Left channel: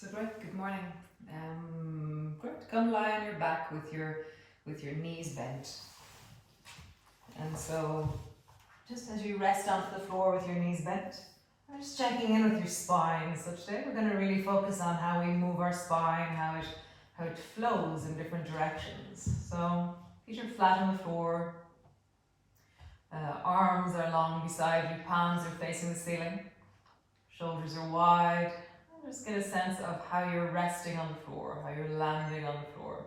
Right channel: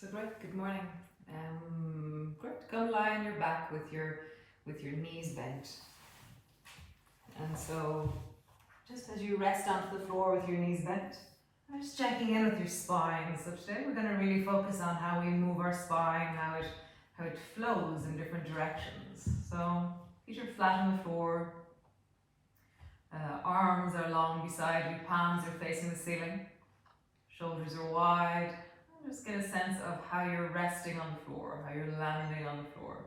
So great, good morning. Great, come lie on your back with your knees bent. And so just as you rest onto the floor with your knees bent, I'm just checking in with your spine. So today we're going to really focus on how we move our spine, how it flows in different directions. So feet are flat on the floor, arms are long beside you, palms are facing the ceiling, shoulders are wide. Just get a sense of how you're resting on the floor, how you're landing on the floor.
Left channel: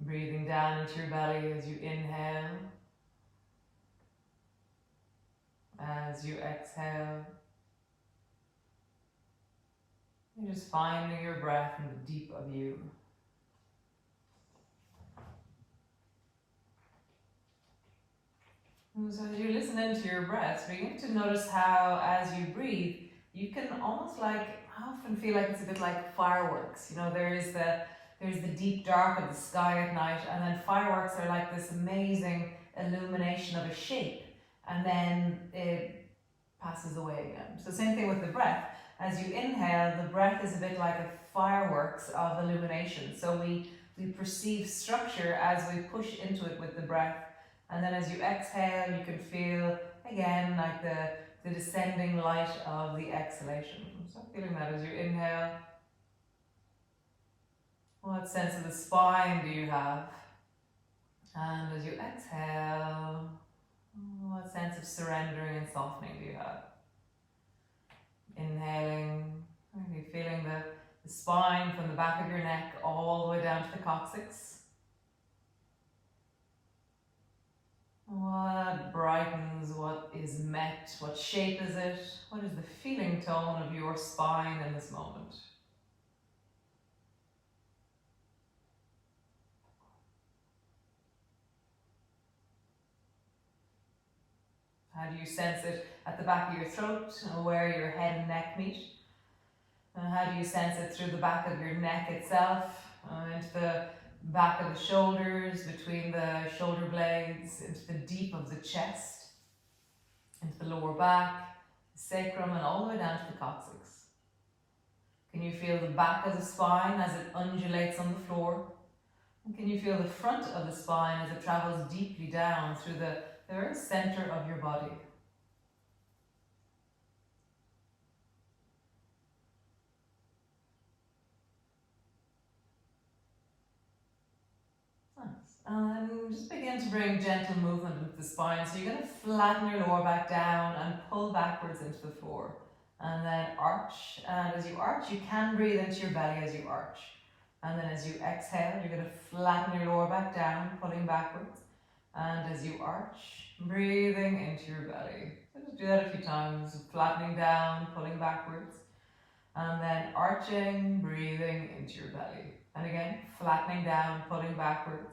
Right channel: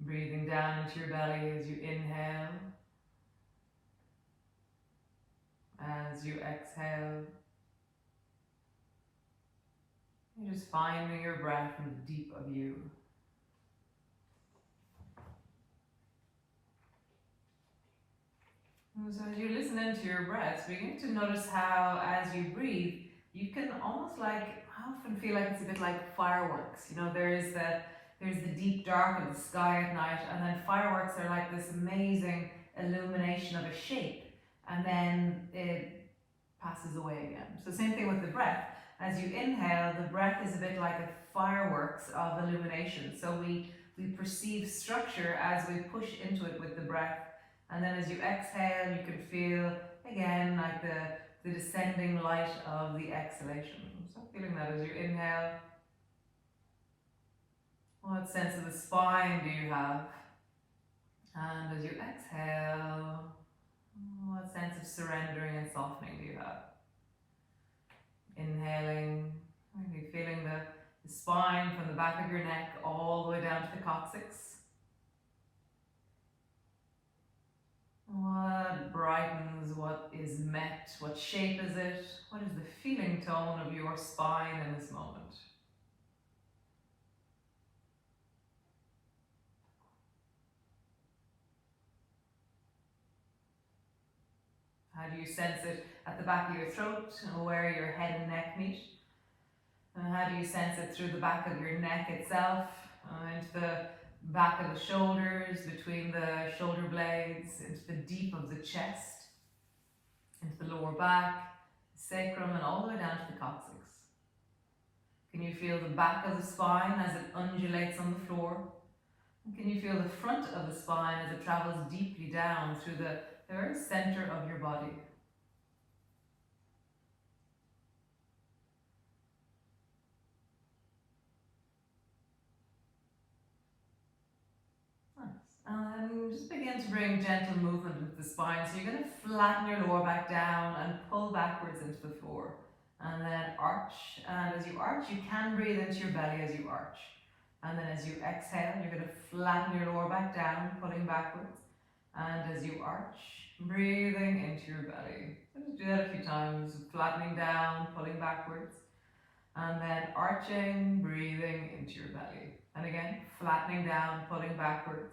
Breathing down into your belly as you inhale. As you exhale. You're just finding your breath in the deep of you. And so as you listen into your breath, begin to notice how as you breathe, you can almost I often feel like it's a bit like fireworks. You know, there's the deep dark of the sky at night, and then fireworks are like this amazing illumination of a shape, and then it passes away again. So same thing with the breath. As you inhale, the breath is a bit like a fireworks of illumination. So we perceive structure as we push into it with the breath, and then as you exhale, you can feel again like the descending light of the exhalation. So feeling that as you inhale. What sense of the spine do you have? And as you exhale, what sense of surrendering and softening do you have? Inhaling, maybe feeling the spine from the back of your neck all the way down to the coccyx. What brightens, what is met, what shape is it? What is the feeling tone of your spine in this moment? How do you sense it at the back of your throat, where your head and neck meet? And how do you sense it through the back of your neck itself, into the back of the shoulders, between the shoulder blades, into the deep of the chest, into the lower back, the sacrum, and all the way down to the coccyx? Can you feel the back of the spine as it undulates on the floor? And can you feel the front of the spine as it travels deeply down through the very center of your body? And just begin to bring gentle movement into the spine. So you're going to flatten your lower back down and pull backwards into the floor. And then arch. And as you arch, you can breathe into your belly as you arch. And then as you exhale, you're going to flatten your lower back down, pulling backwards. And as you arch, breathing into your belly. So just do that a few times. Flattening down, pulling backwards. And then arching, breathing into your belly. And again, flattening down, pulling backwards.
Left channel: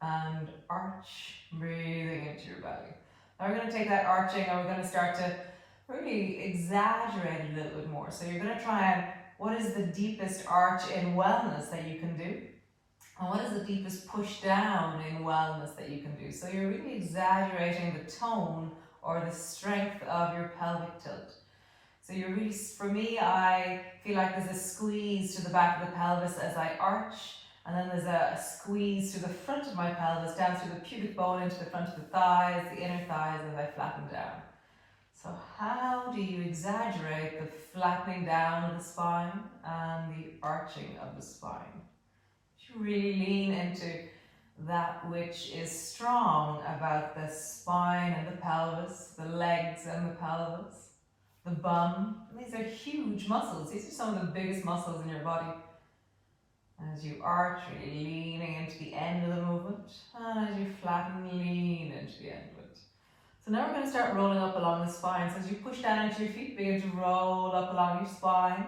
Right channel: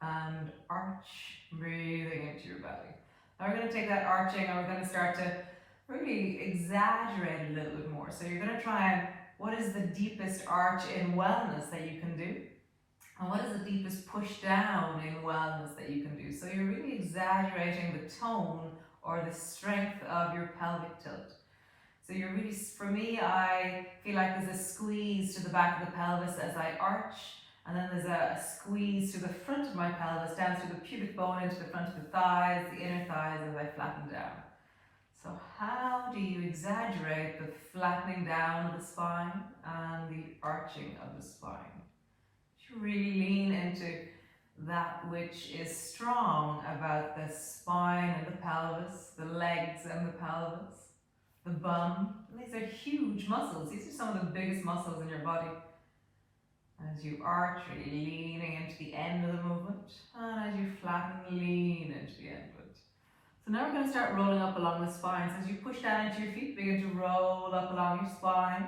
And arch, breathing into your belly. Now we're going to take that arching and we're going to start to really exaggerate a little bit more. So you're going to try and, what is the deepest arch in wellness that you can do? And what is the deepest push down in wellness that you can do? So you're really exaggerating the tone or the strength of your pelvic tilt. So you're really, for me, I feel like there's a squeeze to the back of the pelvis as I arch. And then there's a squeeze to the front of my pelvis, down through the pubic bone into the front of the thighs, the inner thighs as I flatten down. So how do you exaggerate the flattening down of the spine and the arching of the spine? You really lean into that which is strong about the spine and the pelvis, the legs and the pelvis, the bum. And these are huge muscles. These are some of the biggest muscles in your body. As you arch, really leaning into the end of the movement, and as you flatten, lean into the end of it. So now we're going to start rolling up along the spine. So as you push down into your feet, begin to roll up along your spine,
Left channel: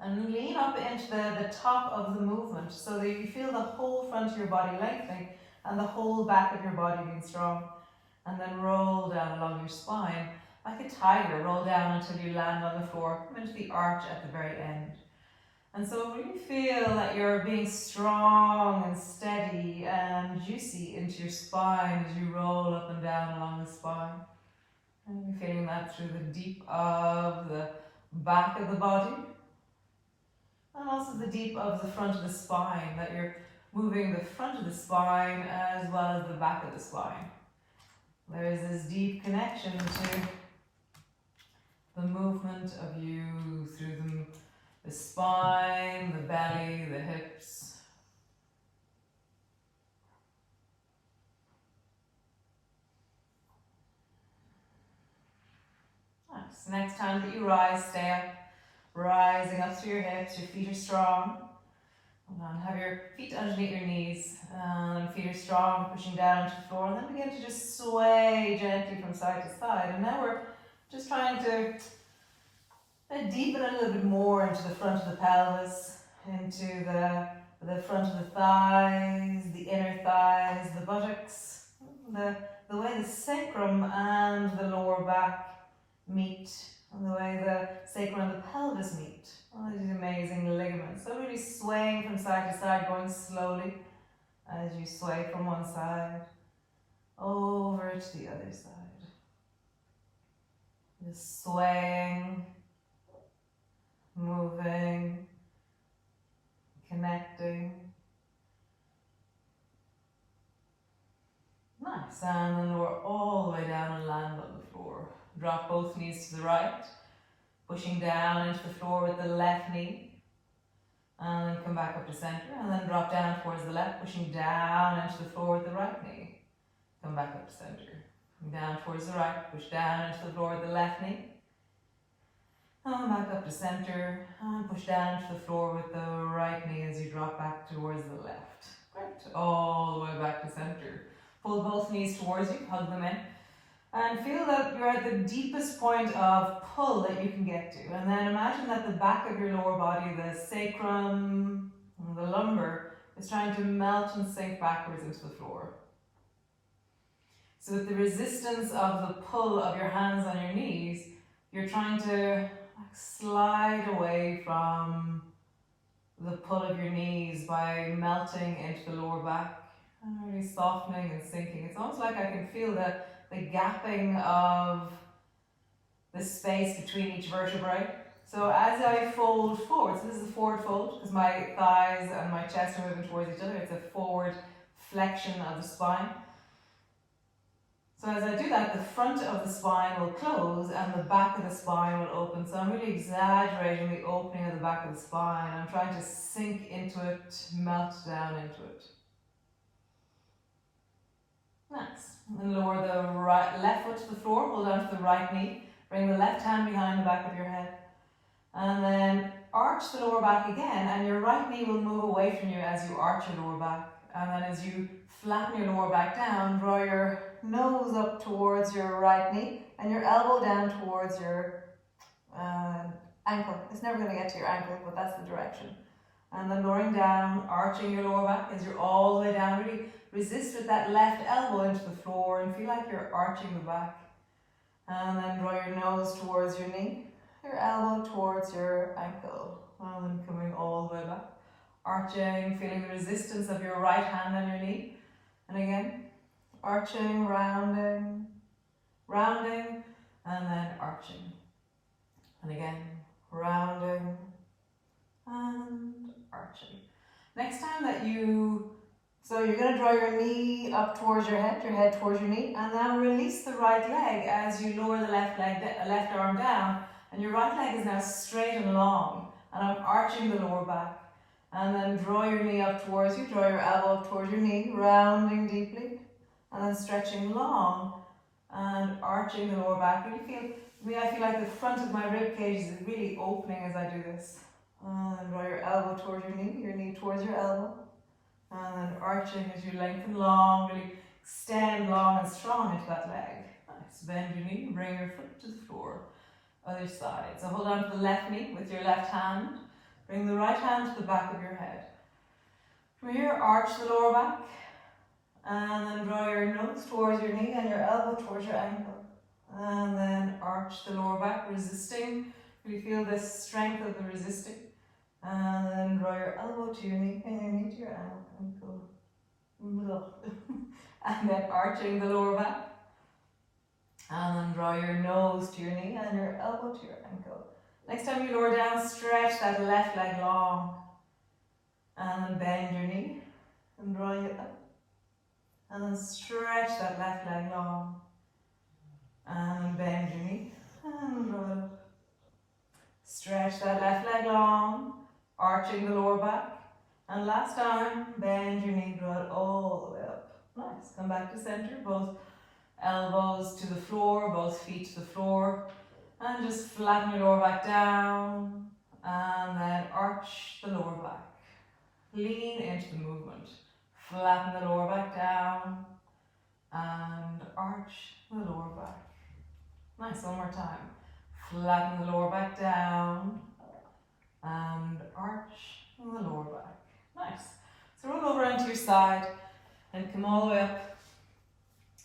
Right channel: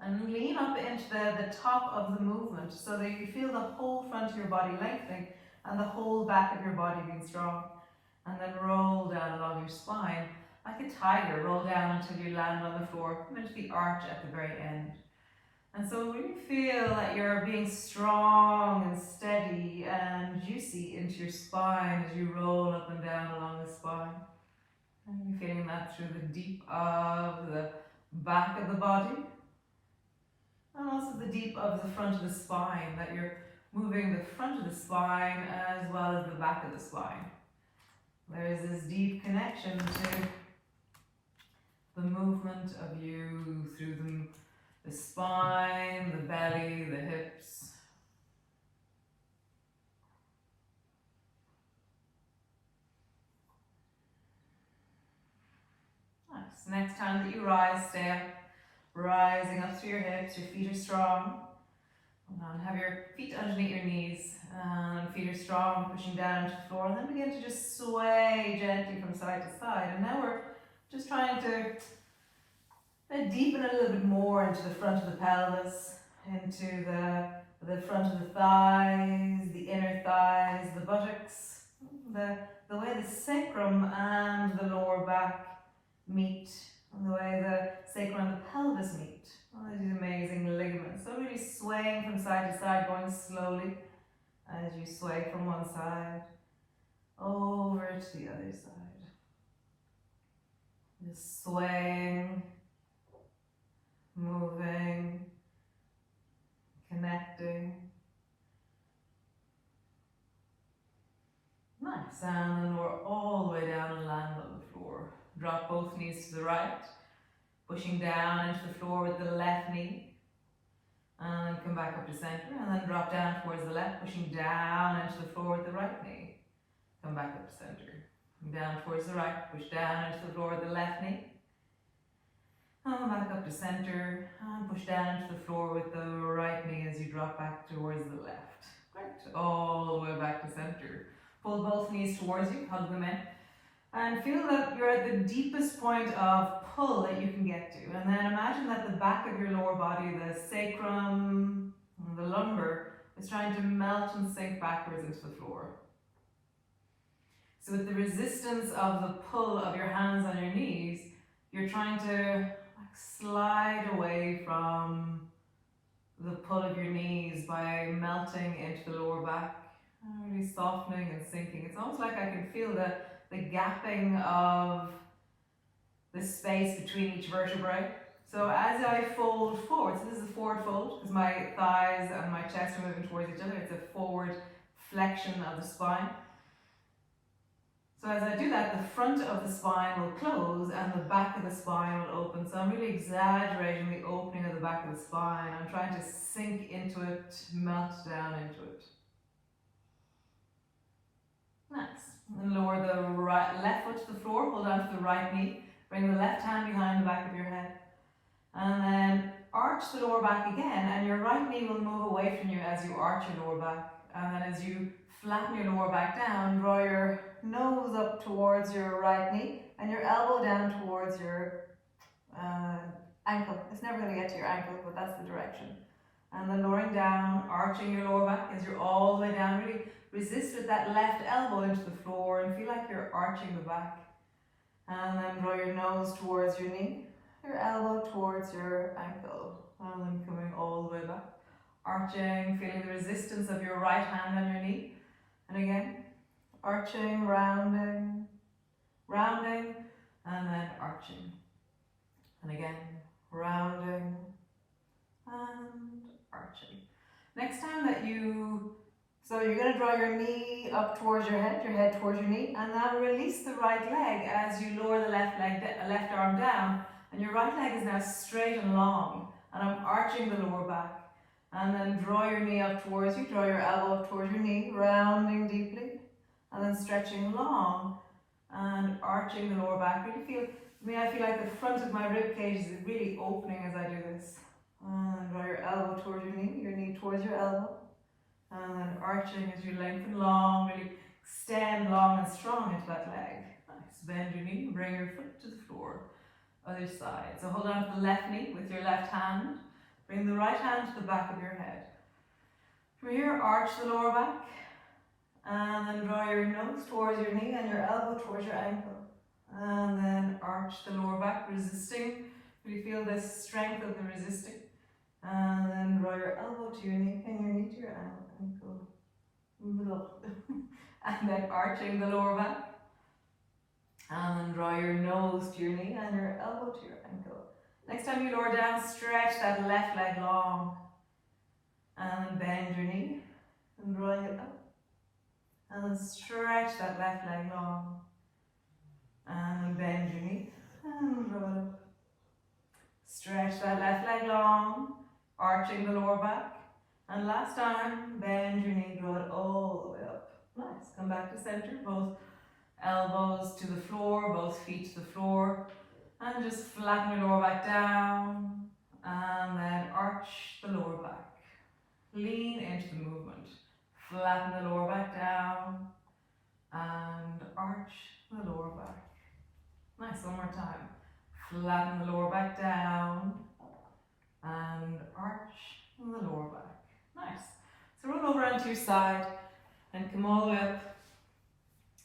and lean up into the top of the movement so that you feel the whole front of your body lengthening and the whole back of your body being strong. And then roll down along your spine like a tiger. Roll down until you land on the floor. Come into the arch at the very end. And so really feel that you're being strong and steady and juicy into your spine as you roll up and down along the spine. And you're feeling that through the deep of the back of the body, and also the deep of the front of the spine, that you're moving the front of the spine as well as the back of the spine. There's this deep connection to the movement of you through the spine, the belly, the hips. Nice. Next time that you rise, stay up, rising up through your hips, your feet are strong. And have your feet underneath your knees, feet are strong, pushing down into the floor, and then begin to just sway gently from side to side. And now we're just trying to deepen a little bit more into the front of the pelvis, into the front of the thighs, the inner thighs, the buttocks, the way the sacrum and the lower back meet, and the way the sacrum and the pelvis meet. All these amazing ligaments. So really swaying from side to side, going slowly as you sway from one side over to the other side. Just swaying, moving, connecting. Nice, and then lower all the way down and land on the floor. Drop both knees to the right, pushing down into the floor with the left knee. And then come back up to center, and then drop down towards the left, pushing down into the floor with the right knee. Come back up to center. Down towards the right, push down into the floor with the left knee. And back up to center, and push down into the floor with the right knee as you drop back towards the left. Great, all the way back to center. Pull both knees towards you, hug them in. And feel that you're at the deepest point of pull that you can get to. And then imagine that the back of your lower body, the sacrum, the lumbar, is trying to melt and sink backwards into the floor. So with the resistance of the pull of your hands on your knees, you're trying to slide away from the pull of your knees by melting into the lower back, and really softening and sinking. It's almost like I can feel the gapping of the space between each vertebrae. So as I fold forward, so this is a forward fold because my thighs and my chest are moving towards each other. It's a forward flexion of the spine. So as I do that, the front of the spine will close and the back of the spine will open. So I'm really exaggerating the opening of the back of the spine. I'm trying to sink into it, melt down into it. Nice. And lower the left foot to the floor, hold on to the right knee. Bring the left hand behind the back of your head. And then arch the lower back again, and your right knee will move away from you as you arch your lower back. And then as you flatten your lower back down, draw your nose up towards your right knee and your elbow down towards your ankle. It's never going to get to your ankle, but that's the direction. And then lowering down, arching your lower back as you're all the way down. Really resist with that left elbow into the floor and feel like you're arching the back. And then draw your nose towards your knee, your elbow towards your ankle. And then coming all the way back. Arching, feeling the resistance of your right hand on your knee. And again, arching, rounding, rounding, and then arching. And again, rounding, and arching. Next time that so you're going to draw your knee up towards your head towards your knee, and now release the right leg as you lower the left arm down, and your right leg is now straight and long, and I'm arching the lower back. And then draw your knee up towards you, draw your elbow up towards your knee, rounding deeply, and then stretching long, and arching the lower back. I feel like the front of my rib cage is really opening as I do this. And draw your elbow towards your knee towards your elbow. And then arching as you lengthen long, really extend long and strong into that leg. Nice. Bend your knee, bring your foot to the floor. Other side. So hold on to the left knee with your left hand. Bring the right hand to the back of your head. From here, arch the lower back. And then draw your nose towards your knee and your elbow towards your ankle. And then arch the lower back, resisting. You feel the strength of the resisting. And then draw your elbow to your knee and your knee to your ankle. And then arching the lower back. And then draw your nose to your knee and your elbow to your ankle. Next time you lower down, stretch that left leg long. And bend your knee. And drawing it up. And then stretch that left leg long. And bend your knee. And draw it up. Stretch that left leg long. Arching the lower back. And last time, bend your knee, draw it all the way up. Nice. Come back to center. Both elbows to the floor, both feet to the floor. And just flatten your lower back down. And then arch the lower back. Lean into the movement. Flatten the lower back down. And arch the lower back. Nice. One more time. Flatten the lower back down. And arch the lower back. Nice. So roll over onto your side and come all the way up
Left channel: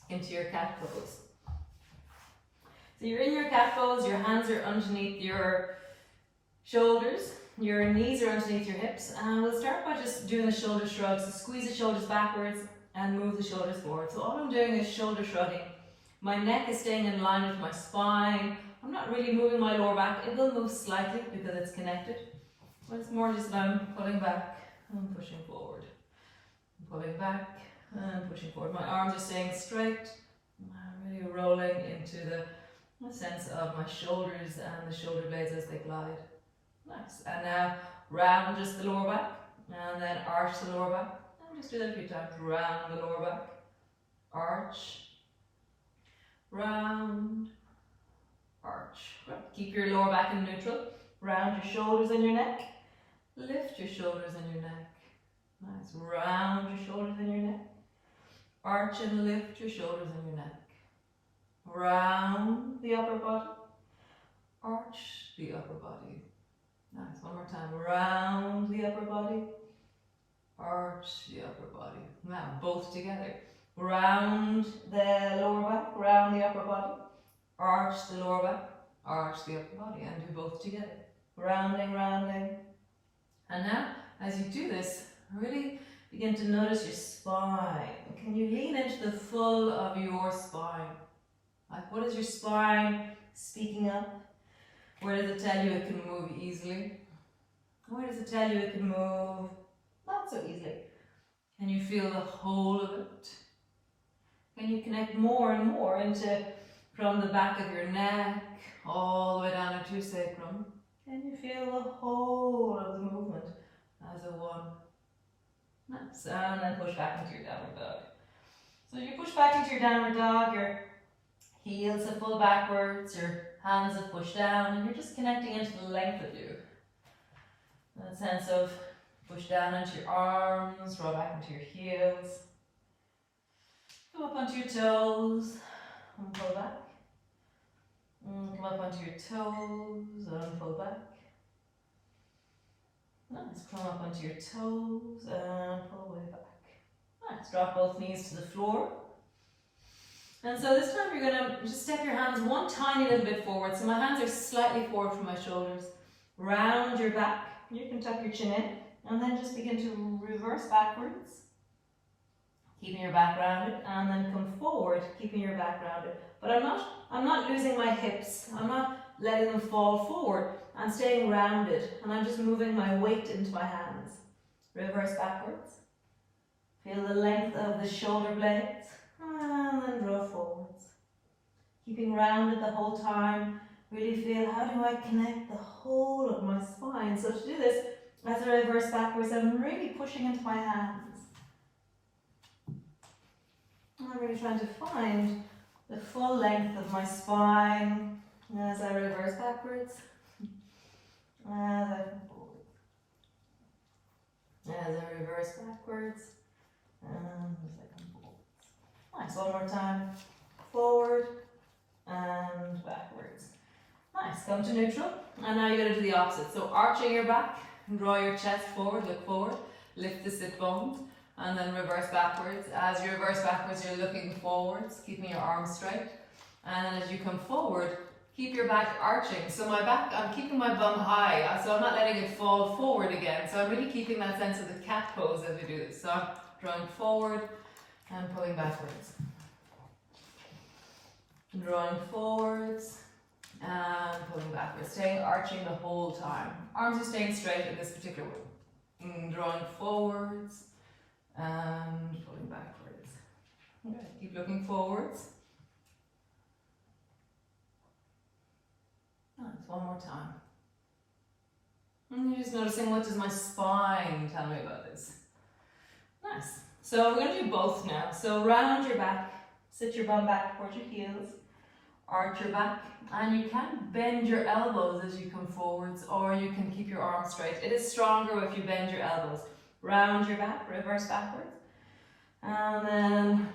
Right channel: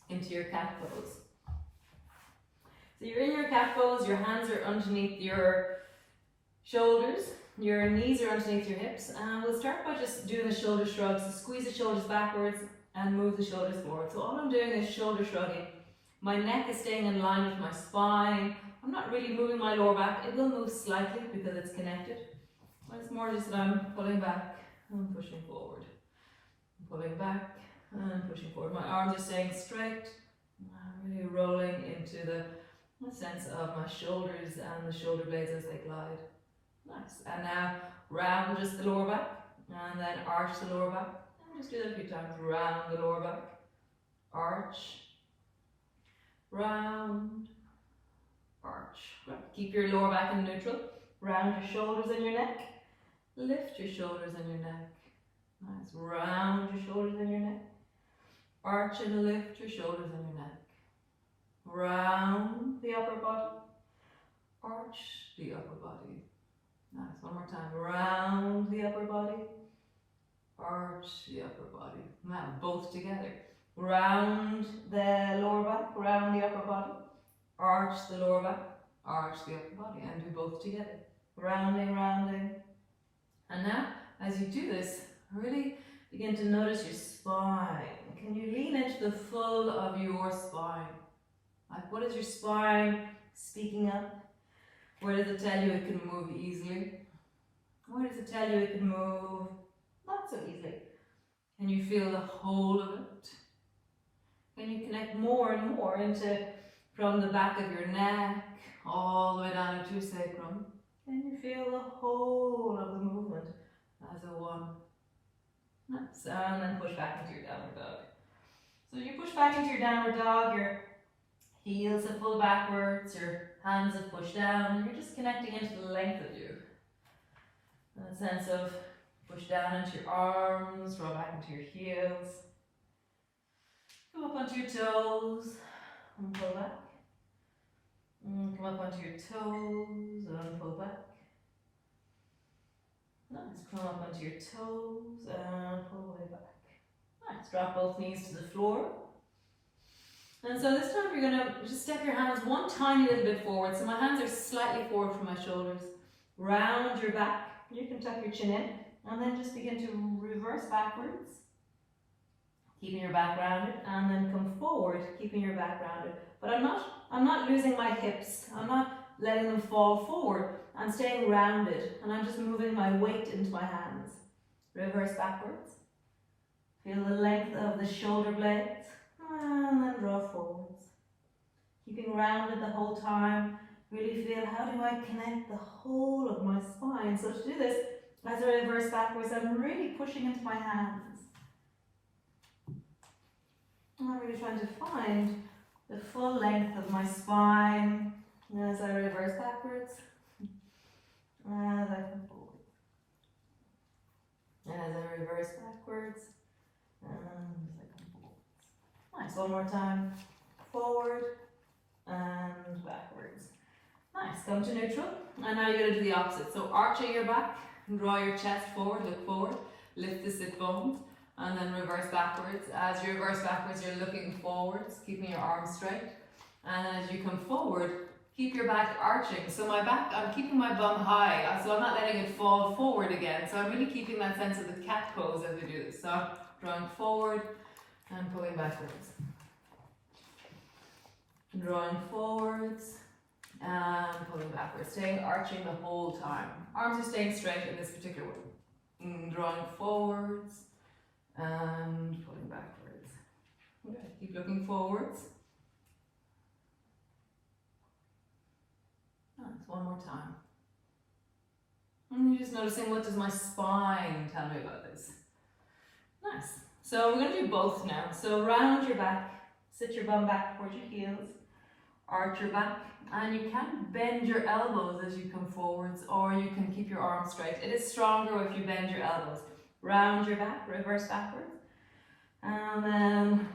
into your cat pose. So you're in your cat pose, your hands are underneath your shoulders, your knees are underneath your hips, and we'll start by just doing the shoulder shrugs. So squeeze the shoulders backwards and move the shoulders forward. So all I'm doing is shoulder shrugging. My neck is staying in line with my spine. I'm not really moving my lower back. It will move slightly because it's connected, but it's more just that I'm pulling back and pushing forward. Pulling back and pushing forward. My arms are staying straight. I'm really rolling into the sense of my shoulders and the shoulder blades as they glide. Nice. And now round just the lower back and then arch the lower back. And just do that a few times. Round the lower back. Arch. Round. Arch. Right. Keep your lower back in neutral. Round your shoulders and your neck. Lift your shoulders and your neck. Nice. Round your shoulders and your neck. Arch and lift your shoulders and your neck. Round the upper body. Arch the upper body. Nice. One more time. Round the upper body. Arch the upper body. Now both together. Round the lower back. Round the upper body. Arch the lower back. Arch the upper body. And do both together. Rounding, rounding. And now, as you do this, really begin to notice your spine. Can you lean into the full of your spine? Like, what is your spine speaking up? Where does it tell you it can move easily? Where does it tell you it can move not so easily? Can you feel the whole of it? Can you connect more and more into from the back of your neck all the way down into your sacrum? Can you feel the whole of the movement as a one? Nice. And then push back into your downward dog. So you push back into your downward dog, your heels have pulled backwards, your hands have pushed down, and you're just connecting into the length of you. That sense of push down into your arms, roll back into your heels. Come up onto your toes and pull back. Come up onto your toes and pull back. Nice. Come up onto your toes and pull way back. Nice. Drop both knees to the floor. And so this time you're going to just step your hands one tiny little bit forward. So my hands are slightly forward from my shoulders. Round your back. You can tuck your chin in. And then just begin to reverse backwards. Keeping your back rounded. And then come forward, keeping your back rounded. But I'm not losing my hips. I'm not letting them fall forward. I'm staying rounded. And I'm just moving my weight into my hands. Reverse backwards. Feel the length of the shoulder blades. And then draw forwards. Keeping rounded the whole time. Really feel, how do I connect the whole of my spine? So to do this, as I reverse backwards, I'm really pushing into my hands. I'm really trying to find the full length of my spine as I reverse backwards. As I come forward. As I reverse backwards. And as I come forward. Nice. One more time. Forward and backwards. Nice. Come to neutral. And now you're going to do the opposite. So arching your back, draw your chest forward, look forward, lift the sit bones, and then reverse backwards. As you reverse backwards, you're looking forwards, keeping your arms straight. And then as you come forward, keep your back arching. So my back, I'm keeping my bum high, so I'm not letting it fall forward again. So I'm really keeping that sense of the cat pose as we do this. So I'm drawing forward and pulling backwards. Drawing forwards and pulling backwards, staying arching the whole time. Arms are staying straight in this particular way. Drawing forwards and pulling backwards. Okay, keep looking forwards. Nice, one more time. And you're just noticing, what does my spine tell me about this? Nice. So we're going to do both now. So round your back, sit your bum back towards your heels, arch your back, and you can bend your elbows as you come forwards, or you can keep your arms straight. It is stronger if you bend your elbows. Round your back, reverse backwards, and then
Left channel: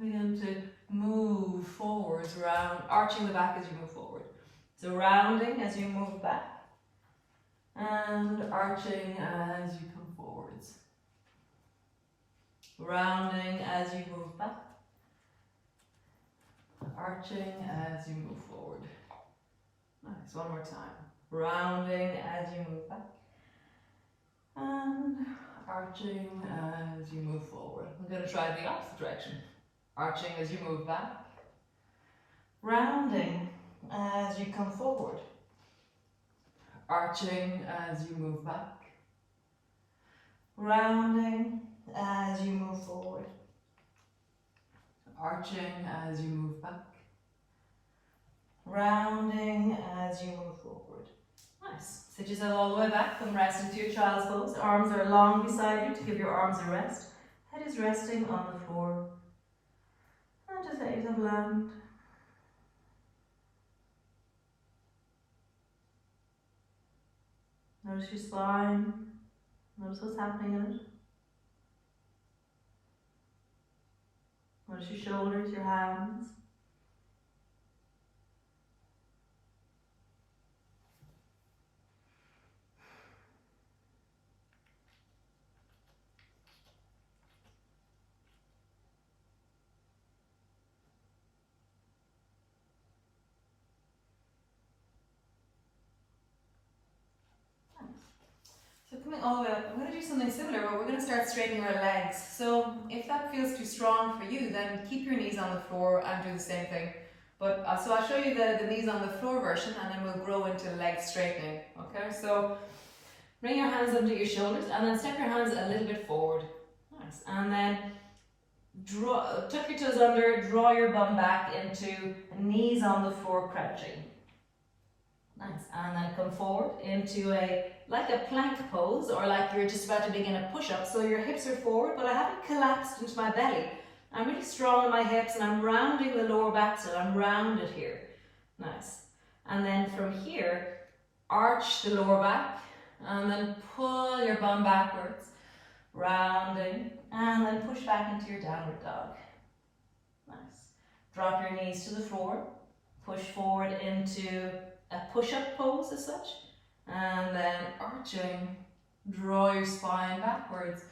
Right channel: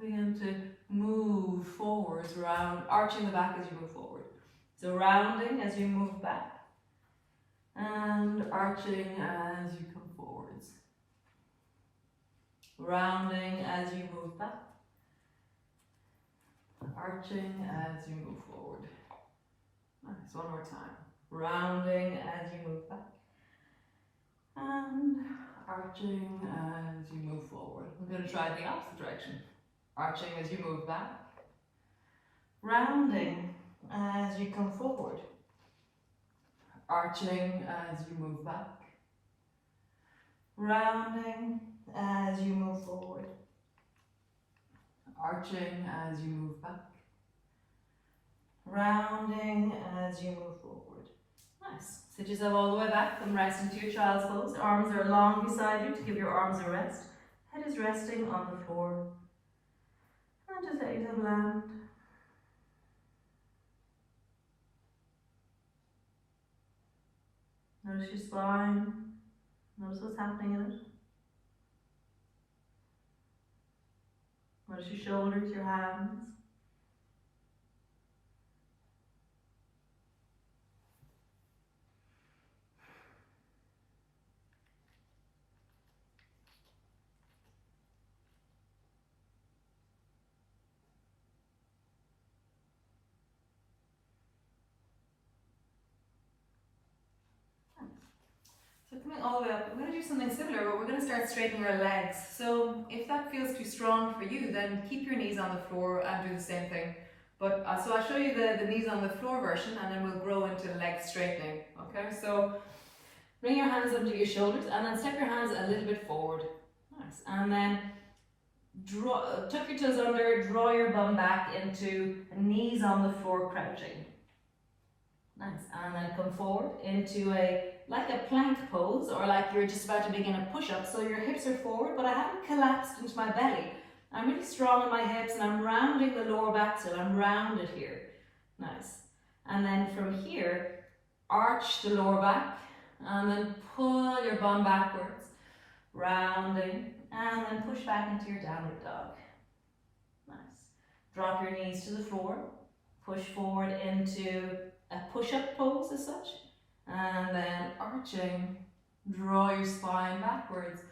begin to move forwards, round, arching the back as you move forward. So rounding as you move back, and arching as you come forwards. Rounding as you move back, arching as you move forward. Nice, one more time. Rounding as you move back, and arching as you move forward. I'm going to try the opposite direction. Arching as you move back, rounding as you come forward, arching as you move back, rounding as you move forward, arching as you move back, rounding as you move forward. Nice. Sit yourself all the way back, come rest into your child's pose. Arms are long beside you to give your arms a rest. Head is resting on the floor. And just let yourself land. Notice your spine. Notice what's happening in it. Notice your shoulders, your hands. So coming all the way up, we're going to do something similar, but we're going to start straightening our legs. So if that feels too strong for you, then keep your knees on the floor and do the same thing. But so I'll show you the knees on the floor version, and then we'll grow into the leg straightening. Okay, so bring your hands under your shoulders, and then step your hands a little bit forward. Nice. And then tuck your toes under, draw your bum back into knees on the floor, crouching. Nice. And then come forward into like a plank pose, or like you're just about to begin a push-up. So your hips are forward, but I haven't collapsed into my belly. I'm really strong in my hips, and I'm rounding the lower back, so I'm rounded here. Nice. And then from here, arch the lower back, and then pull your bum backwards, rounding, and then push back into your downward dog. Nice. Drop your knees to the floor, push forward into a push-up pose as such, and then arching, draw your spine backwards,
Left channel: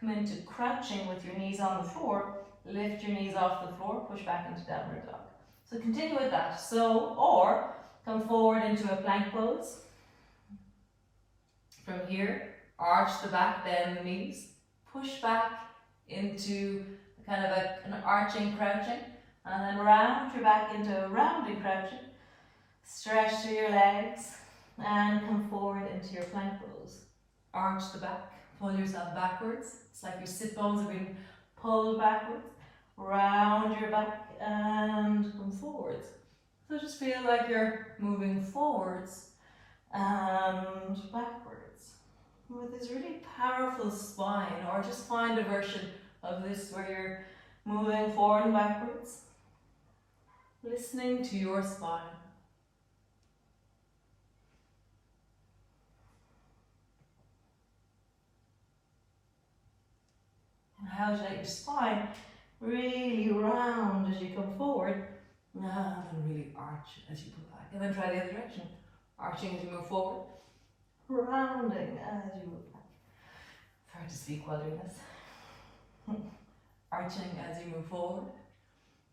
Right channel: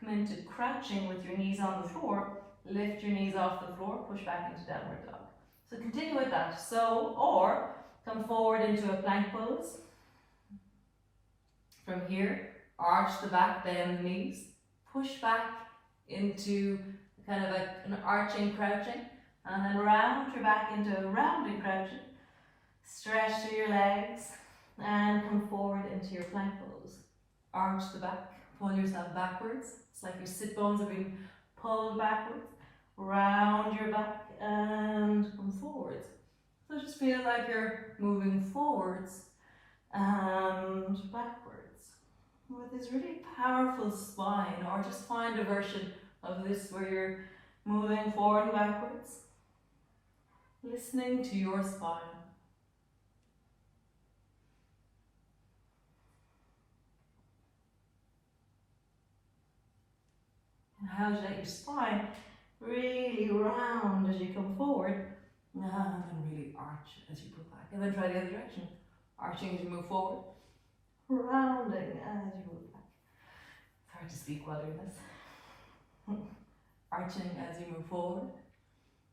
come into crouching with your knees on the floor, lift your knees off the floor, push back into downward dog. So continue with that. So, or come forward into a plank pose. From here, arch the back, bend the knees, push back into kind of an arching crouching, and then round your back into a rounding crouching. Stretch through your legs and come forward into your plank pose. Arch the back, pull yourself backwards. It's like your sit bones have been pulled backwards. Round your back and come forwards. So just feel like you're moving forwards and backwards with this really powerful spine, or just find a version of this where you're moving forward and backwards, listening to your spine. And how you let your spine really round as you come forward, and then really arch as you pull back. And then try the other direction. Arching as you move forward, rounding as you move back. It's hard to speak while doing this. Arching as you move forward,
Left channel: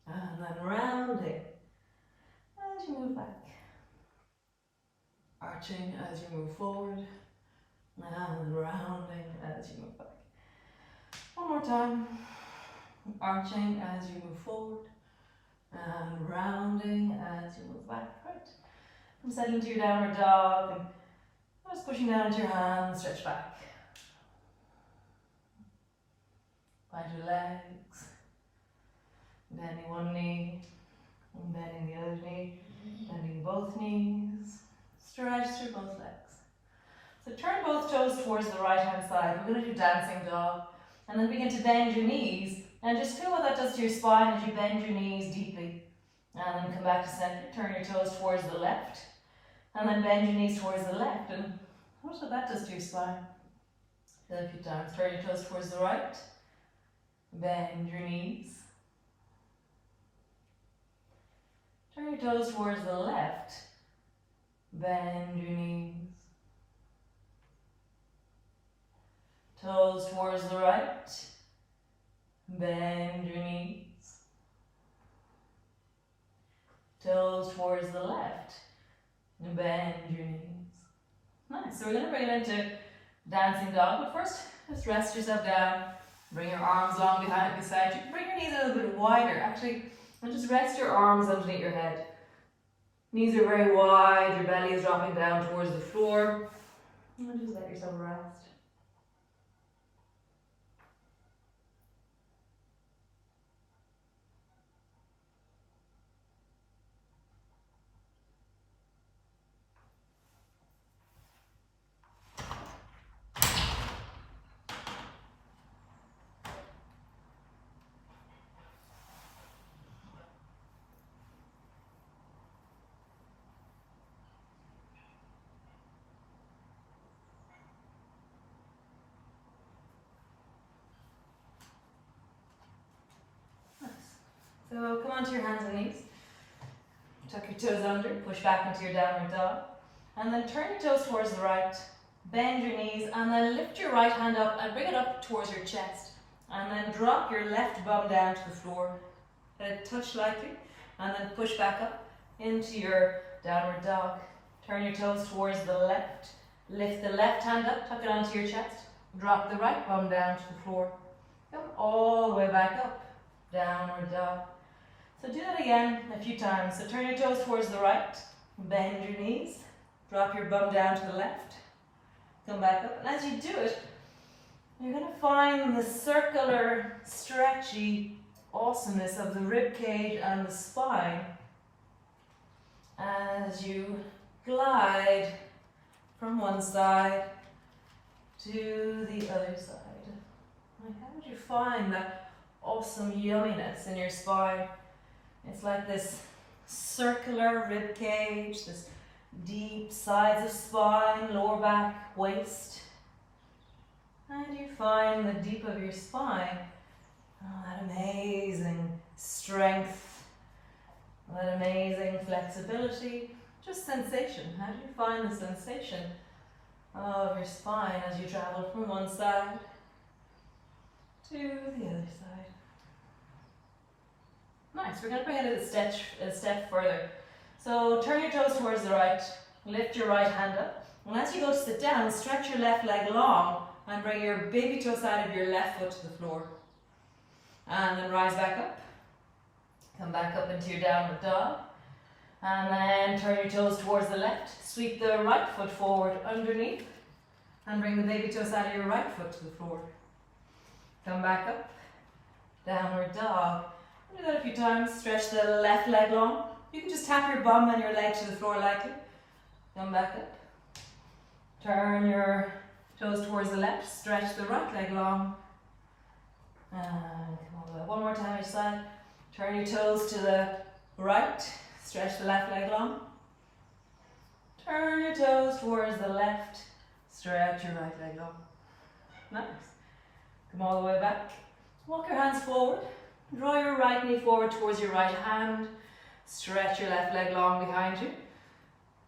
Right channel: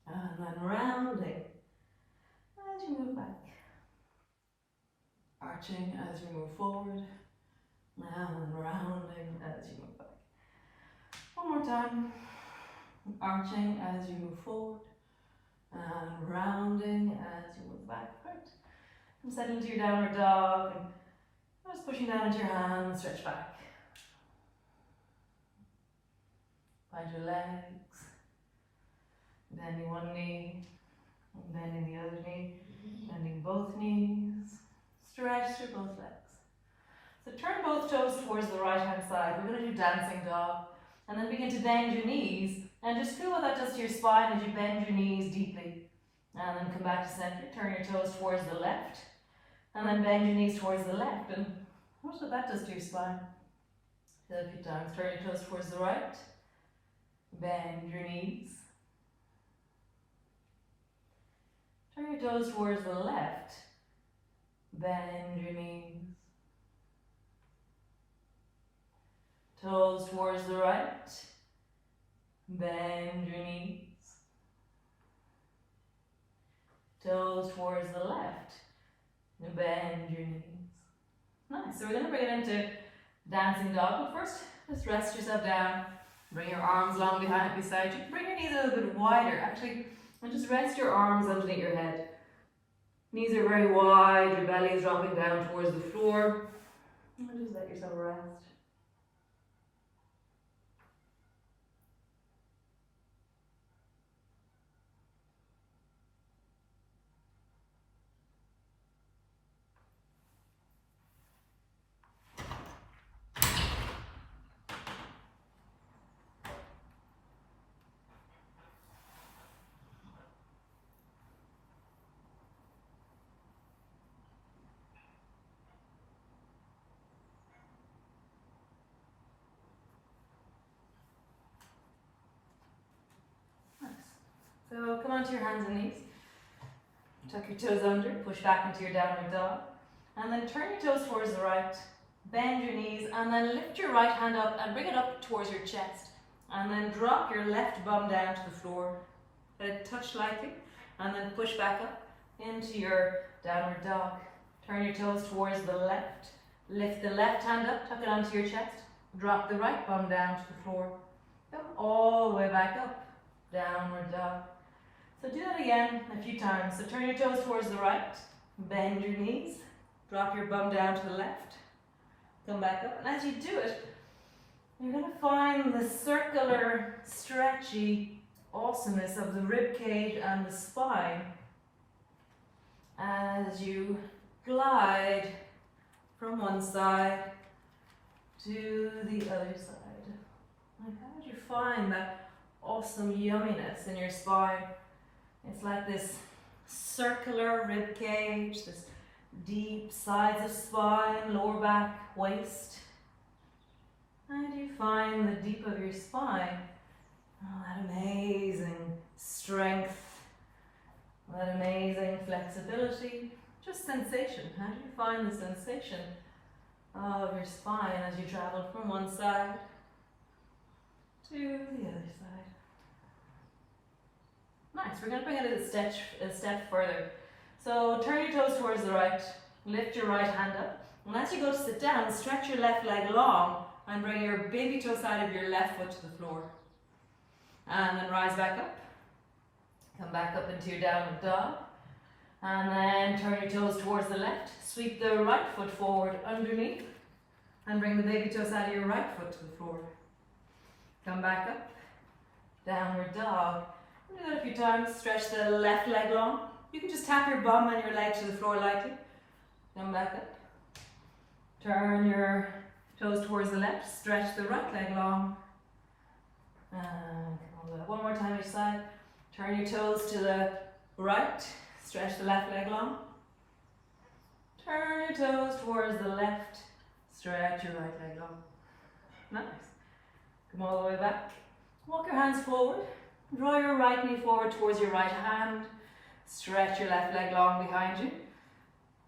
and then rounding as you move back. Arching as you move forward, and rounding as you move back. One more time. Arching as you move forward, and rounding as you move back. Right. And settle into your downward dog and just pushing down into your hands, stretch back. Find your legs, bending one knee, and bending the other knee, bending both knees, stretch through both legs. So turn both toes towards the right hand side. We're going to do dancing dog, and then begin to bend your knees, and just feel what that does to your spine as you bend your knees deeply. And then come back to center, turn your toes towards the left, and then bend your knees towards the left, and watch what that does to your spine. Do that a few times. Turn your toes towards the right, bend your knees. Turn your toes towards the left, bend your knees. Toes towards the right, bend your knees. Toes towards the left, bend your knees. Nice, so we're going to bring it into dancing dog, but first, just rest yourself down. Bring your arms long beside you. Bring your knees a little bit wider, actually, and just rest your arms underneath your head. Knees are very wide, your belly is dropping down towards the floor. And just let yourself rest. So come onto your hands and knees. Tuck your toes under, push back into your downward dog. And then turn your toes towards the right, bend your knees, and then lift your right hand up and bring it up towards your chest. And then drop your left bum down to the floor. Let it touch lightly, and then push back up into your downward dog. Turn your toes towards the left. Lift the left hand up, tuck it onto your chest. Drop the right bum down to the floor. Come all the way back up, downward dog. So do that again a few times. So turn your toes towards the right, bend your knees, drop your bum down to the left, come back up. And as you do it, you're going to find the circular, stretchy awesomeness of the rib cage and the spine as you glide from one side to the other side. Like, how would you find that awesome yumminess in your spine? It's like this circular rib cage, this deep sides of spine, lower back, waist. And you find the deep of your spine, that amazing strength, that amazing flexibility, just sensation. How do you find the sensation of your spine as you travel from one side to the other side? Nice, we're going to bring it a step further. So turn your toes towards the right, lift your right hand up, and as you go to sit down, stretch your left leg long and bring your baby toe side of your left foot to the floor. And then rise back up, come back up into your downward dog, and then turn your toes towards the left, sweep the right foot forward underneath, and bring the baby toe side of your right foot to the floor. Come back up, downward dog. Do that a few times. Stretch the left leg long. You can just tap your bum and your leg to the floor lightly. Come back up. Turn your toes towards the left. Stretch the right leg long. And come all the way. One more time each side. Turn your toes to the right. Stretch the left leg long. Turn your toes towards the left. Stretch your right leg long. Nice. Come all the way back. Walk your hands forward. Draw your right knee forward towards your right hand. Stretch your left leg long behind you.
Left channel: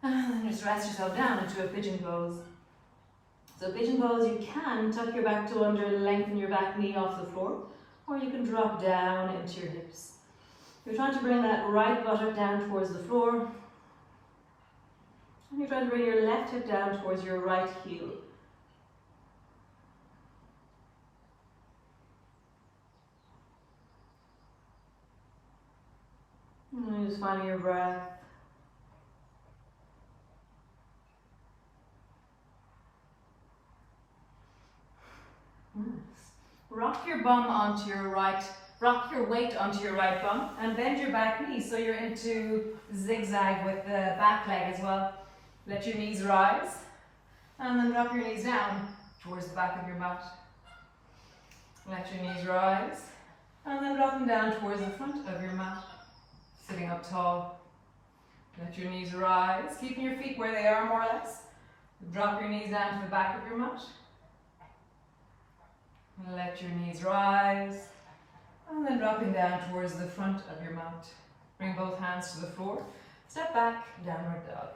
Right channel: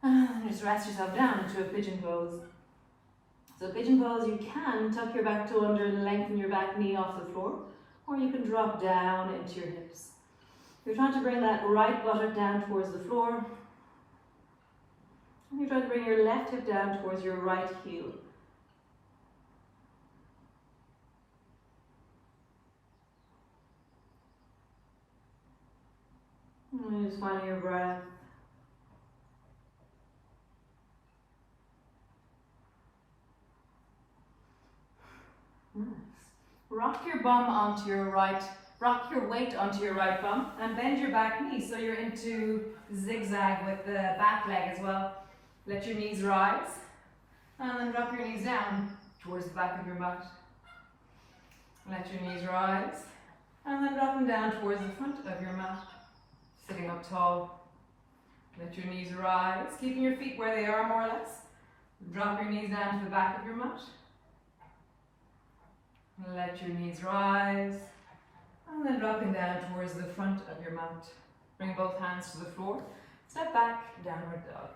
And then just rest yourself down into a pigeon pose. So pigeon pose, you can tuck your back toe under and lengthen your back knee off the floor, or you can drop down into your hips. You're trying to bring that right buttock down towards the floor. And you're trying to bring your left hip down towards your right heel. And just finding your breath. Nice. Rock your bum onto your right, rock your weight onto your right bum and bend your back knee so you're into zigzag with the back leg as well. Let your knees rise and then drop your knees down towards the back of your mat. Let your knees rise and then drop them down towards the front of your mat, sitting up tall. Let your knees rise, keeping your feet where they are more or less. Drop your knees down to the back of your mat. Let your knees rise and then dropping down towards the front of your mat. Bring both hands to the floor. Step back, downward dog.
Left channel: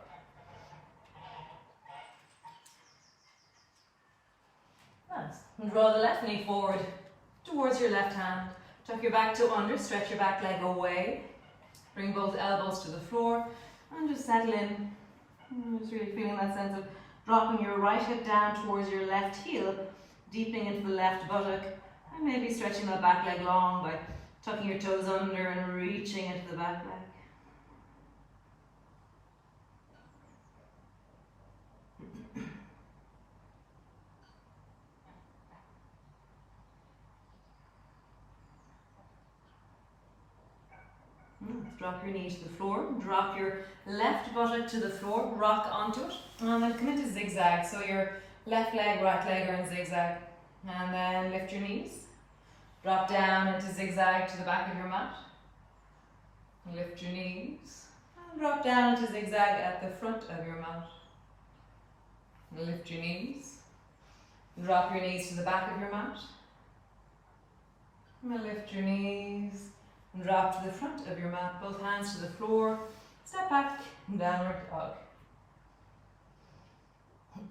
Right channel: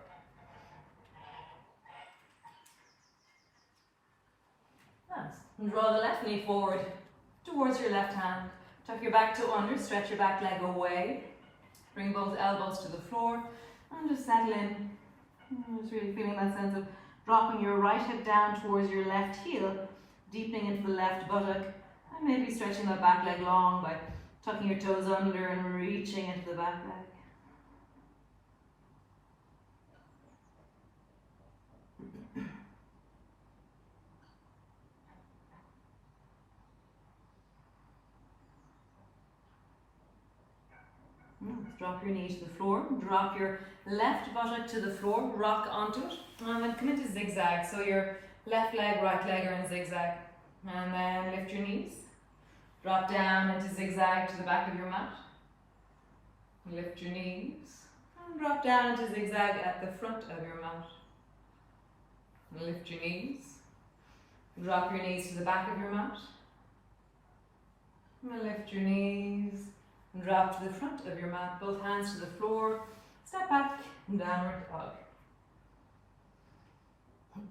Nice. And draw the left knee forward towards your left hand. Tuck your back toe under, stretch your back leg away. Bring both elbows to the floor and just settle in. Just really feeling that sense of dropping your right hip down towards your left heel, deepening into the left buttock, and maybe stretching that back leg long by tucking your toes under and reaching into the back leg. Drop your knee to the floor, drop your left buttock to the floor, rock onto it, and then come into zigzag. So your left leg, right leg are in zigzag. And then lift your knees, drop down into zigzag to the back of your mat. Lift your knees, and drop down into zigzag at the front of your mat. Lift your knees, drop your knees to the back of your mat. And lift your knees, and drop to the front of your mat, both hands to the floor, step back, downward dog.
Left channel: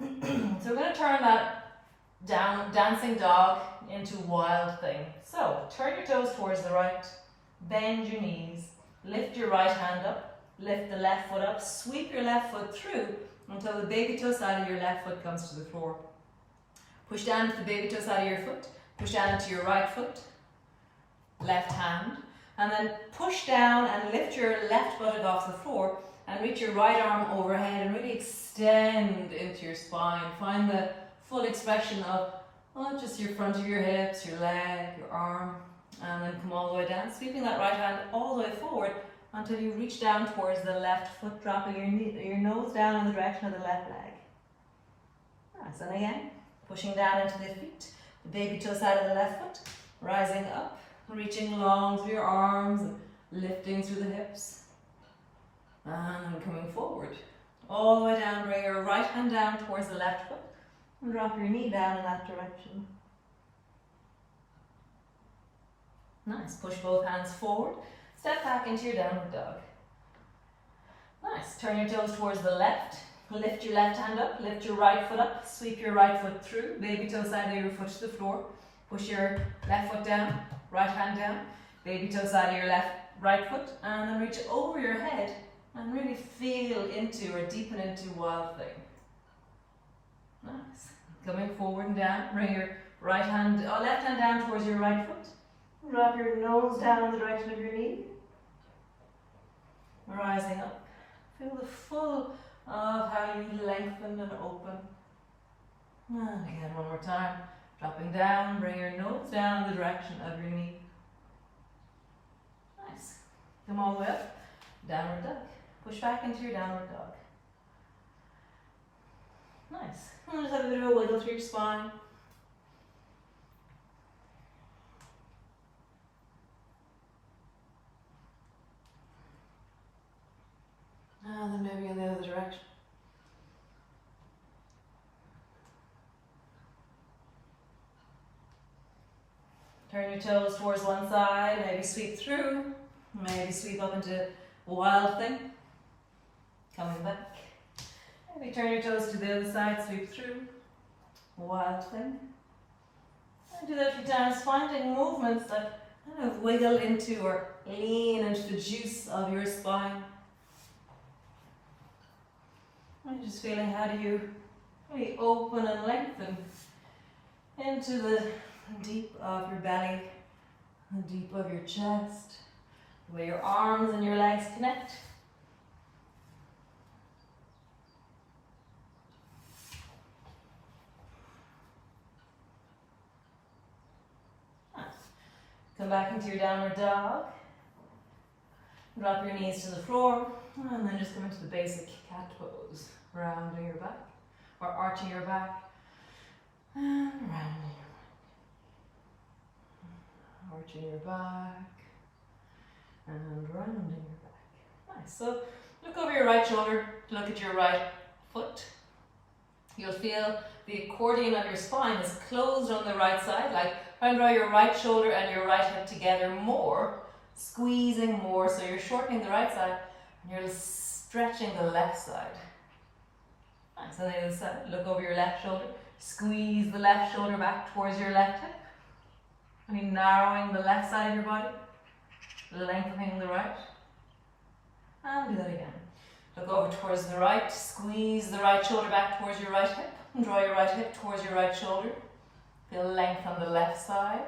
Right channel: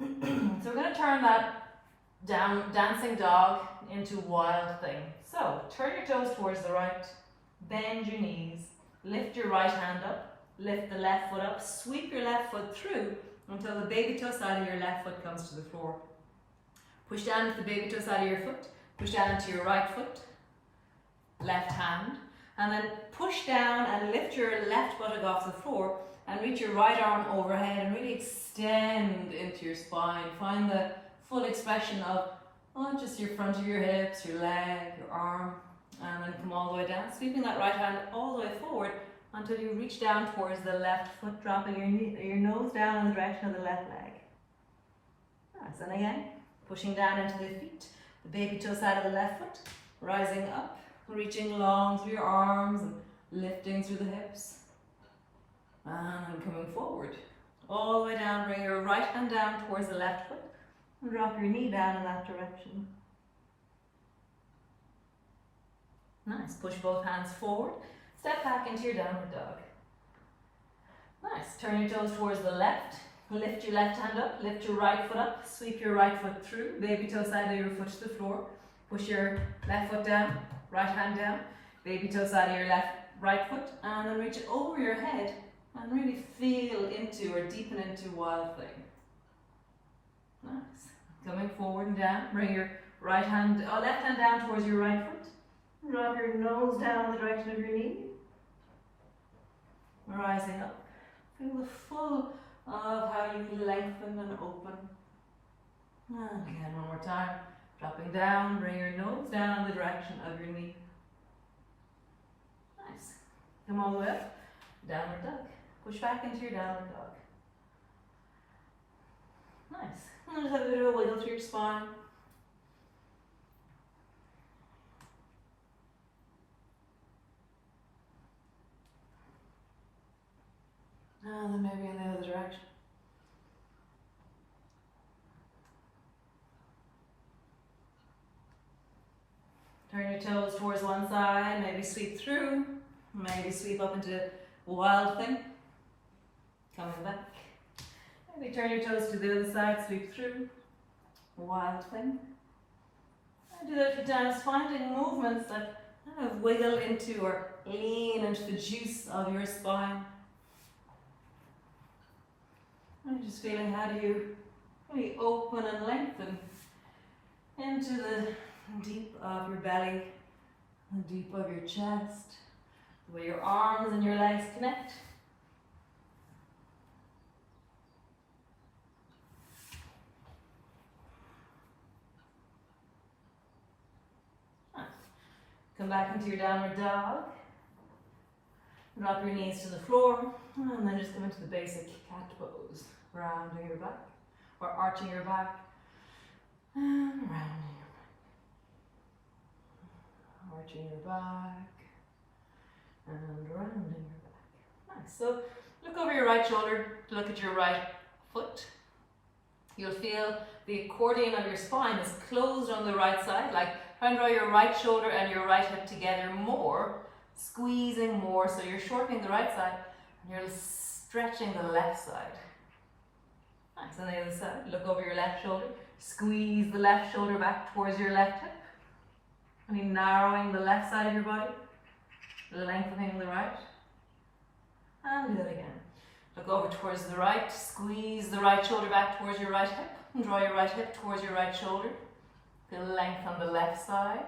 So we're going to turn that dancing dog into wild thing. So turn your toes towards the right, bend your knees, lift your right hand up, lift the left foot up, sweep your left foot through until the baby toe side of your left foot comes to the floor. Push down into the baby toe side of your foot, push down into your right foot, left hand, and then push down and lift your left buttock off the floor and reach your right arm overhead and really extend into your spine. Find the full expression of not just your front of your hips, your leg, your arm, and then come all the way down, sweeping that right hand all the way forward until you reach down towards the left foot, dropping your nose down in the direction of the left leg. Nice, and again, pushing down into the feet, the baby toe side of the left foot, rising up, reaching long through your arms and lifting through the hips. And coming forward, all the way down, bring your right hand down towards the left foot and drop your knee down in that direction. Nice, push both hands forward, step back into your downward dog. Nice, turn your toes towards the left, lift your left hand up, lift your right foot up, sweep your right foot through, baby toe side of your foot to the floor, push your left foot down, right hand down, baby toe side of your right foot, and then reach over your head and really feel into or deepen into wild thing. Nice. Coming forward and down, bring your left hand down towards your right foot. Drop your nose down in the direction of your knee. Rising up. Feel the full of how you lengthen and open. And again, one more time. Dropping down, bring your nose down in the direction of your knee. Nice. Come all the way up. Downward dog. Push back into your downward dog. Nice. And just have a bit of a wiggle through your spine. And then maybe in the other direction. Turn your toes towards one side, maybe sweep through, maybe sweep up into wild thing. Coming back. Maybe turn your toes to the other side, sweep through, wild thing. And do that a few times, finding movements that kind of wiggle into or lean into the juice of your spine. And just feeling how do you really open and lengthen into the deep of your belly, the deep of your chest, the way your arms and your legs connect. Come back into your downward dog. Drop your knees to the floor, and then just come into the basic cat pose. Rounding your back, or arching your back, and rounding your back. Arching your back, and rounding your back. Nice. So look over your right shoulder, look at your right foot. You'll feel the accordion of your spine is closed on the right side, like try and draw your right shoulder and your right hip together more, squeezing more, so you're shortening the right side and you're stretching the left side. Nice. On the other side, look over your left shoulder, squeeze the left shoulder back towards your left hip. And you're narrowing the left side of your body, lengthening the right. And do that again. Look over towards the right, squeeze the right shoulder back towards your right hip, and draw your right hip towards your right shoulder. Feel length on the left side.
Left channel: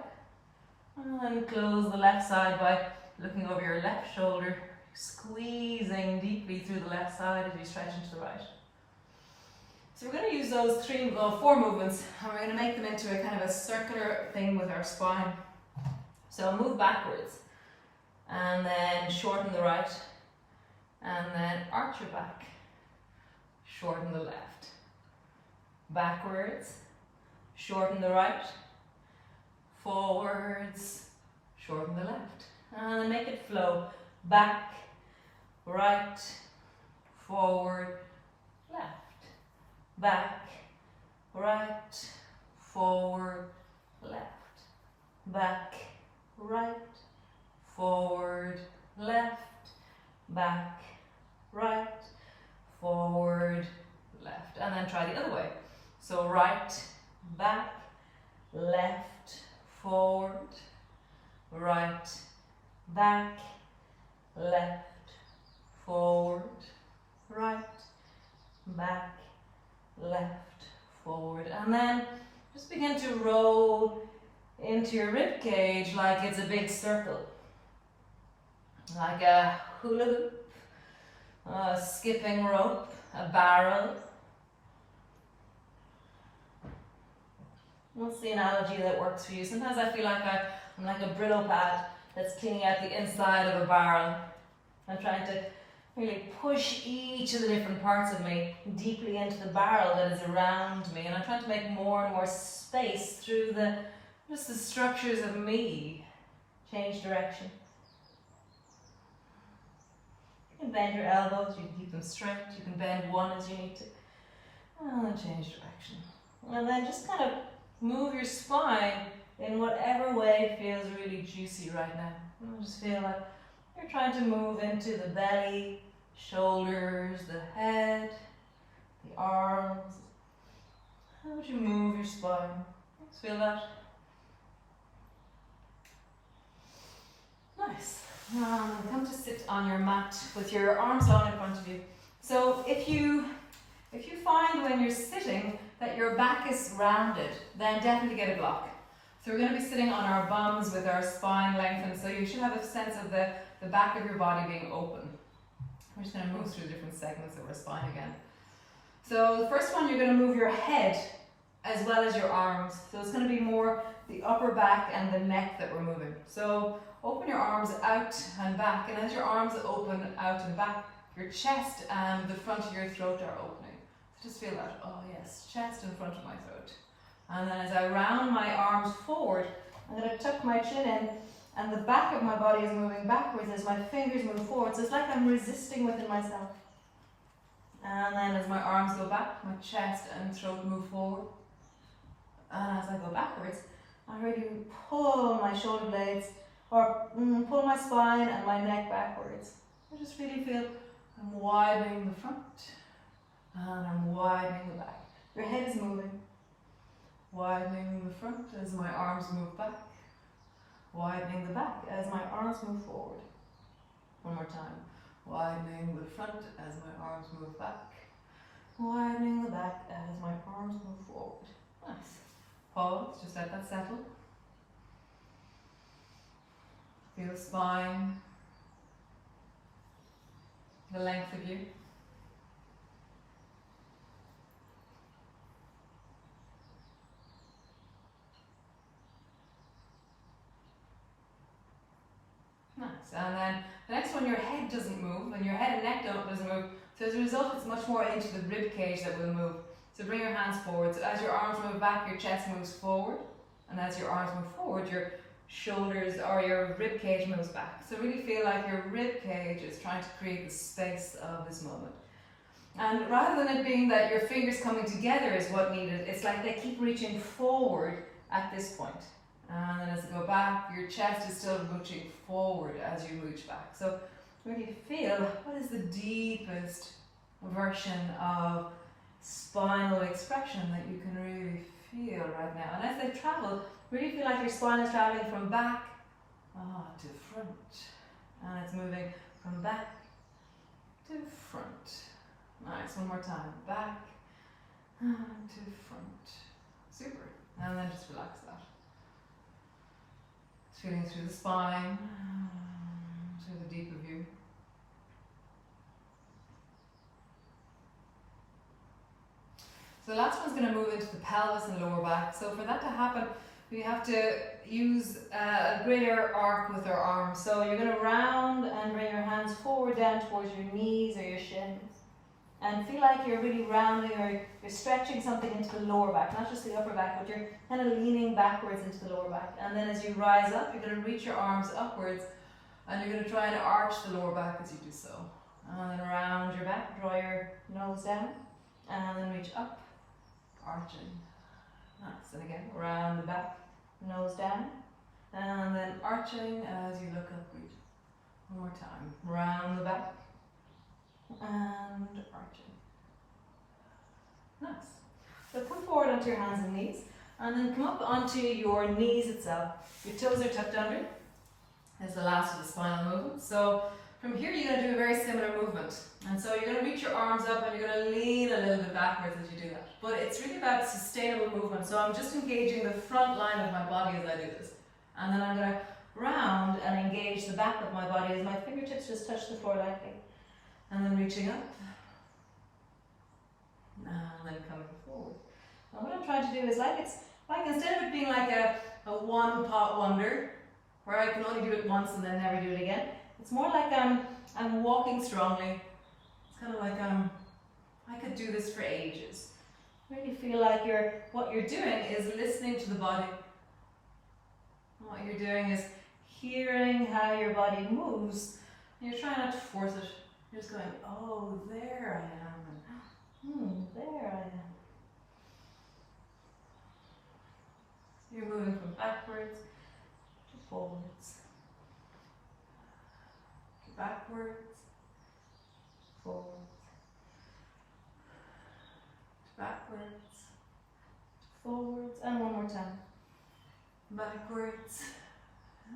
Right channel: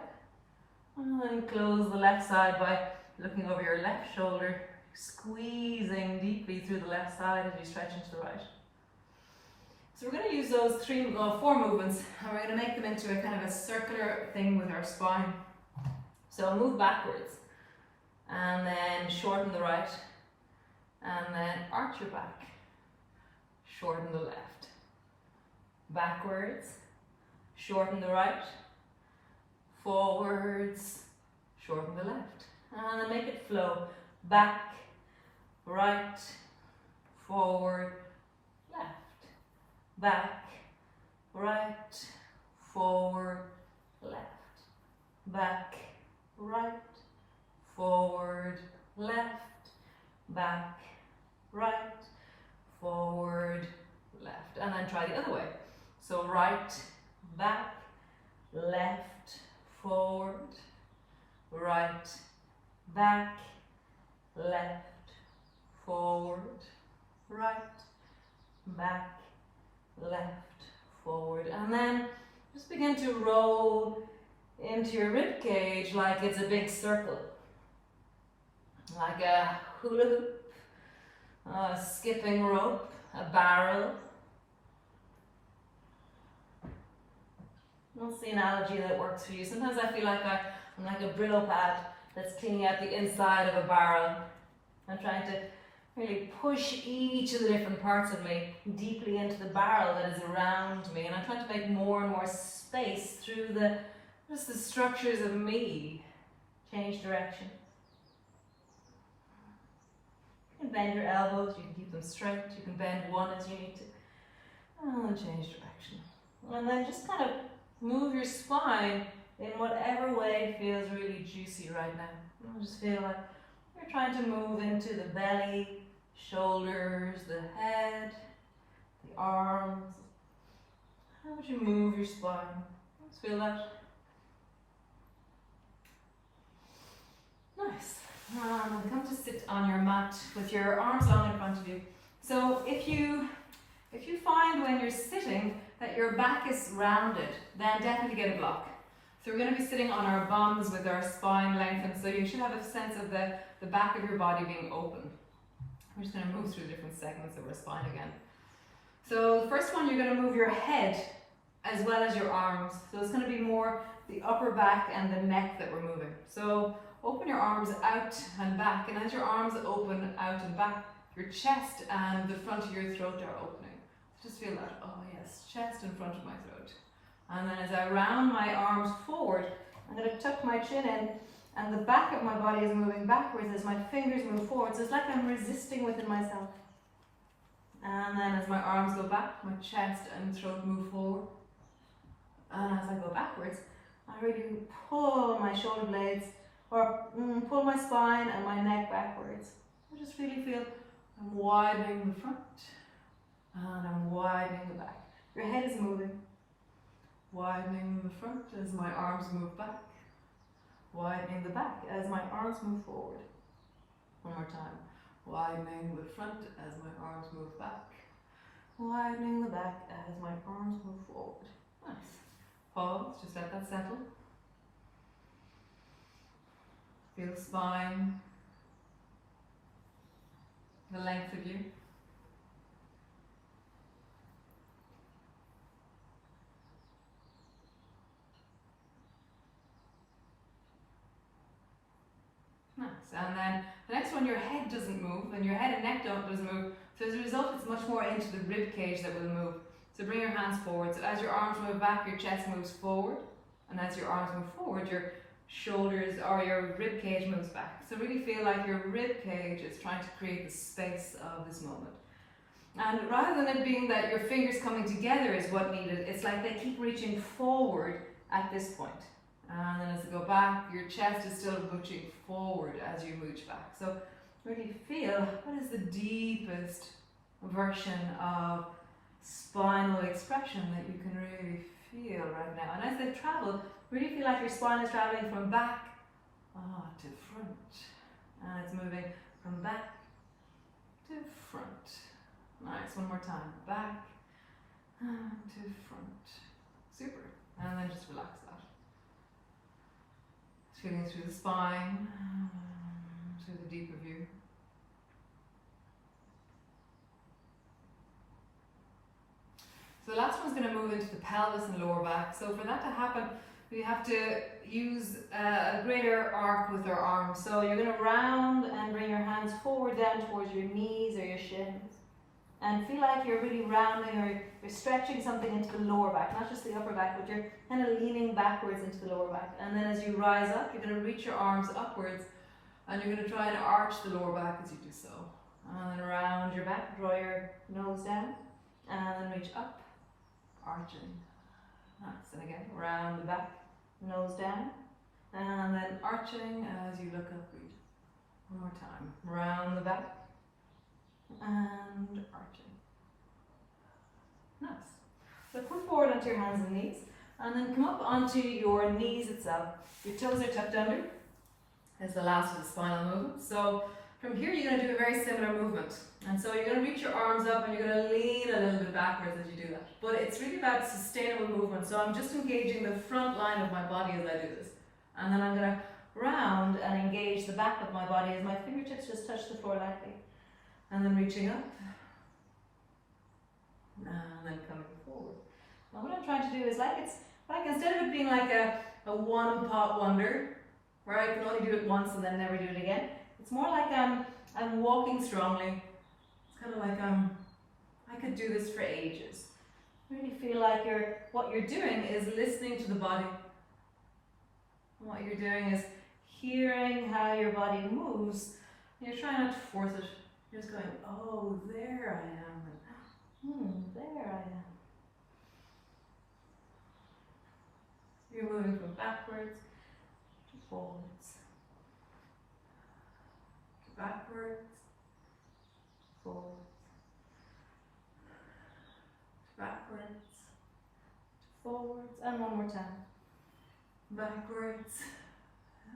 And then close the left side by looking over your left shoulder, squeezing deeply through the left side as you stretch into the right. So we're going to use those four movements, and we're going to make them into a kind of a circular thing with our spine. So move backwards, and then shorten the right, and then arch your back, shorten the left, backwards, shorten the right, forwards, shorten the left, and then make it flow, back, right, forward, left, back, right, forward, left, back, right, forward, left, back, right, forward, left, and then try the other way. So right, back, left, forward, right, back, left, forward, right, back, left, forward, and then just begin to roll into your rib cage like it's a big circle, like a hula hoop, a skipping rope, a barrel. What's the analogy that works for you? Sometimes I feel like I'm like a Brillo pad that's cleaning out the inside of a barrel. I'm trying to really push each of the different parts of me deeply into the barrel that is around me, and I'm trying to make more and more space through just the structures of me. Change direction. You can bend your elbows, you can keep them straight, you can bend one as you need to, and then change direction. And then just kind of move your spine in whatever way feels really juicy right now. And just feel like you're trying to move into the belly, shoulders, the head, the arms. How would you move your spine? Just feel that. Nice. Come to sit on your mat with your arms long in front of you. So if you find when you're sitting that your back is rounded, then definitely get a block. So we're going to be sitting on our bums with our spine lengthened, so you should have a sense of the back of your body being open. We're just going to move through different segments of our spine again. So the first one, you're going to move your head as well as your arms. So it's going to be more the upper back and the neck that we're moving. So open your arms out and back, and as your arms open out and back, your chest and the front of your throat are opening. Just feel that, oh yes, chest and front of my throat. And then as I round my arms forward, I'm going to tuck my chin in, and the back of my body is moving backwards as my fingers move forward. So it's like I'm resisting within myself. And then as my arms go back, my chest and throat move forward. And as I go backwards, I really pull my shoulder blades, or pull my spine and my neck backwards. I just really feel I'm widening the front, and I'm widening the back. Your head is moving. Widening the front as my arms move back. Widening the back as my arms move forward. One more time. Widening the front as my arms move back. Widening the back as my arms move forward. Nice. Pause, just let that settle. Feel the spine, the length of you. And then the next one, your head doesn't move, and your head and neck doesn't move. So as a result, it's much more into the rib cage that will move. So bring your hands forward. So as your arms move back, your chest moves forward. And as your arms move forward, your shoulders or your rib cage moves back. So really feel like your rib cage is trying to create the space of this moment. And rather than it being that your fingers coming together is what needed, it's like they keep reaching forward at this point. And then as you go back, your chest is still reaching forward as you reach back. So really feel what is the deepest version of spinal expression that you can really feel right now. And as they travel, really feel like your spine is traveling from back to front. And it's moving from back to front. Nice, one more time. Back to front. Super. And then just relax that. Feeling through the spine, through the deeper view. So the last one's going to move into the pelvis and lower back. So for that to happen, we have to use a greater arc with our arms. So you're going to round and bring your hands forward down towards your knees or your shins. And feel like you're really rounding or you're stretching something into the lower back, not just the upper back, but you're kind of leaning backwards into the lower back. And then as you rise up, you're going to reach your arms upwards and you're going to try and arch the lower back as you do so. And then around your back, draw your nose down and then reach up, arching. Nice. And again, round the back, nose down, and then arching as you look up, reach. One more time. Round the back and arching. Nice. So come forward onto your hands and knees, and then come up onto your knees itself. Your toes are tucked under. As the last of the spinal movement. So from here, you're going to do a very similar movement. And so you're going to reach your arms up and you're going to lean a little bit backwards as you do that. But it's really about sustainable movement. So I'm just engaging the front line of my body as I do this. And then I'm going to round and engage the back of my body as my fingertips just touch the floor lightly. And then reaching up. And then coming forward. Now what I'm trying to do is it's like instead of it being like a one-pot wonder, where I can only do it once and then never do it again, it's more like I'm walking strongly. It's kind of like I could do this for ages. Really feel like what you're doing is listening to the body. And what you're doing is hearing how your body moves. And you're trying not to force it. You're just going, oh, there I am. And, there I am. You're moving from backwards to forwards. To backwards, forwards. To backwards, to forwards. And one more time. Backwards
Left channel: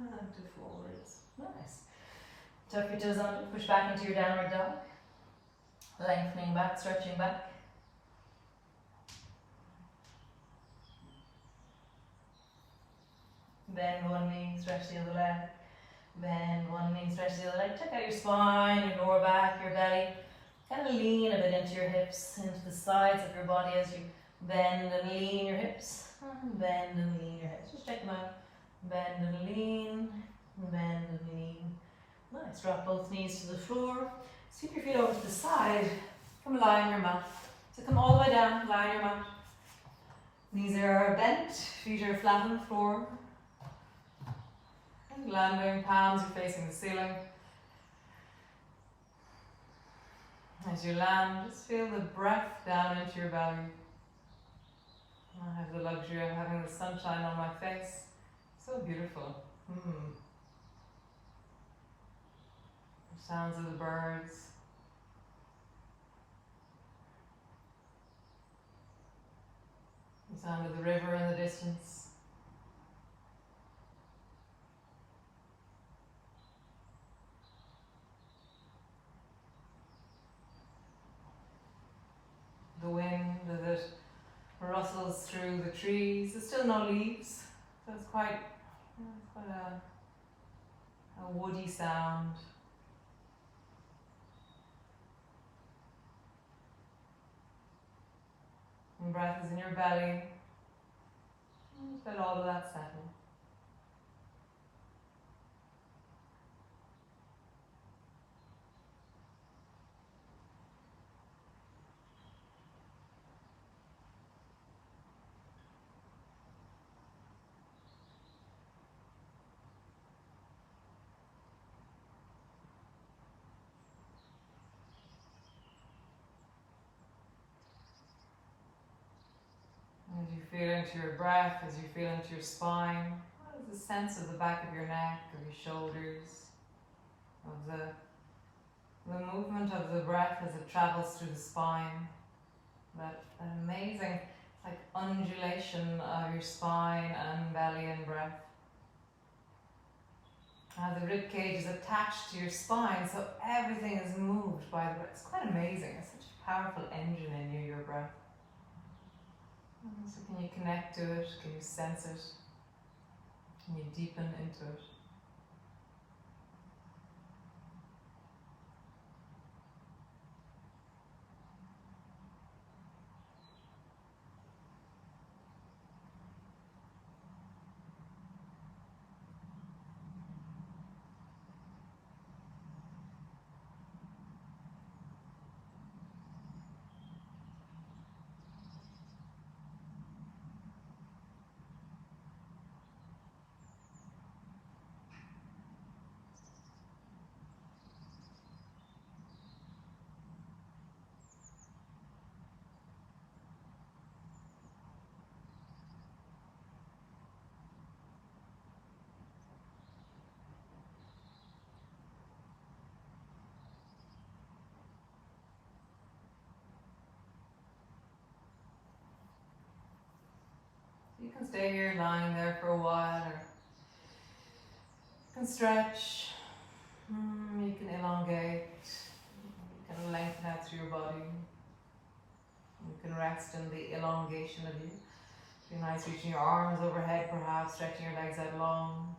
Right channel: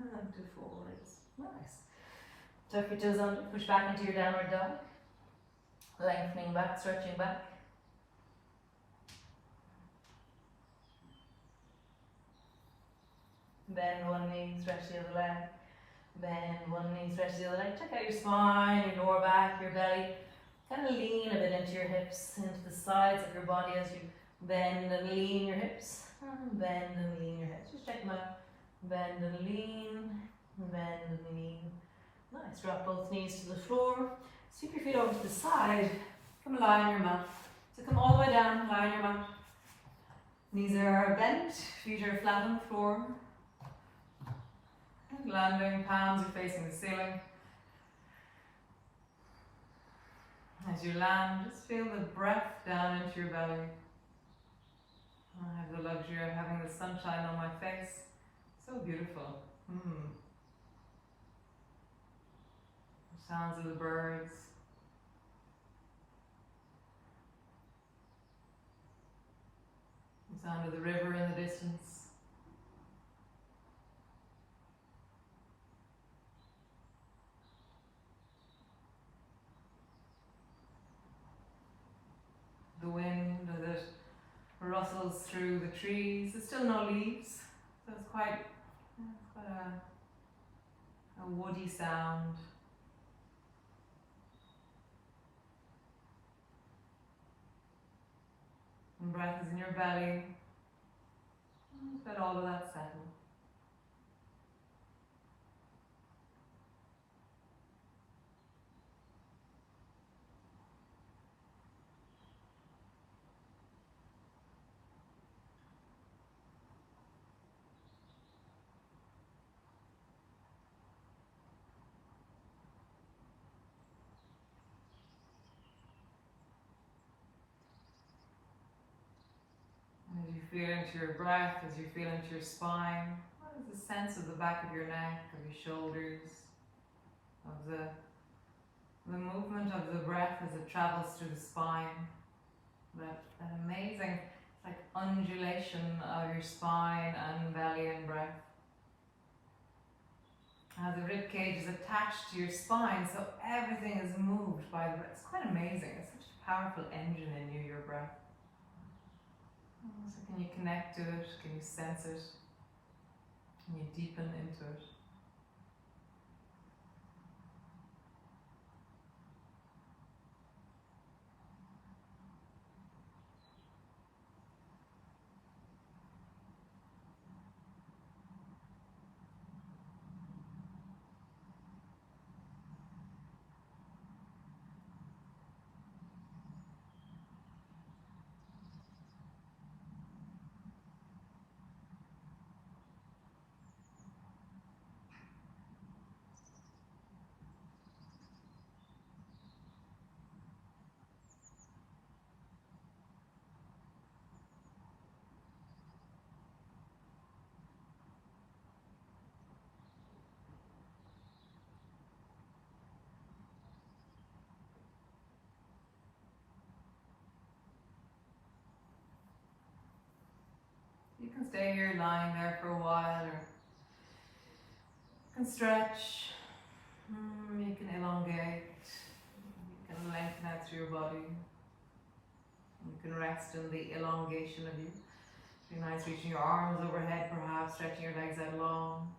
and to forwards. Nice. Tuck your toes under, push back into your downward dog. Lengthening back, stretching back. Bend one knee, stretch the other leg. Bend one knee, stretch the other leg. Check out your spine, your lower back, your belly. Kind of lean a bit into your hips, into the sides of your body as you bend and lean your hips. And bend and lean your hips. Just check them out. Bend and lean, bend and lean. Nice. Drop both knees to the floor. Sweep your feet over to the side. Come lie on your mat. So come all the way down, lie on your mat. Knees are bent, feet are flat on the floor. And landing, palms are facing the ceiling. As you land, just feel the breath down into your belly. I have the luxury of having the sunshine on my face. So beautiful. The sounds of the birds. The sound of the river in the distance. The wind as it rustles through the trees. There's still no leaves, so it's quite a woody sound. And breath is in your belly. Just let all of that settle. feel into your breath, as you feel into your spine, what is the sense of the back of your neck, of your shoulders, of the movement of the breath as it travels through the spine? That amazing, like undulation of your spine and belly and breath. The rib cage is attached to your spine, so everything is moved by the breath. It's quite amazing. It's such a powerful engine in you, your breath. So can you connect to it? Can you sense it? Can you deepen into it? You can stay here lying there for a while, or you can stretch, you can elongate, you can lengthen out through your body. You can rest in the elongation of you. Be nice reaching your arms overhead perhaps, stretching your legs out long.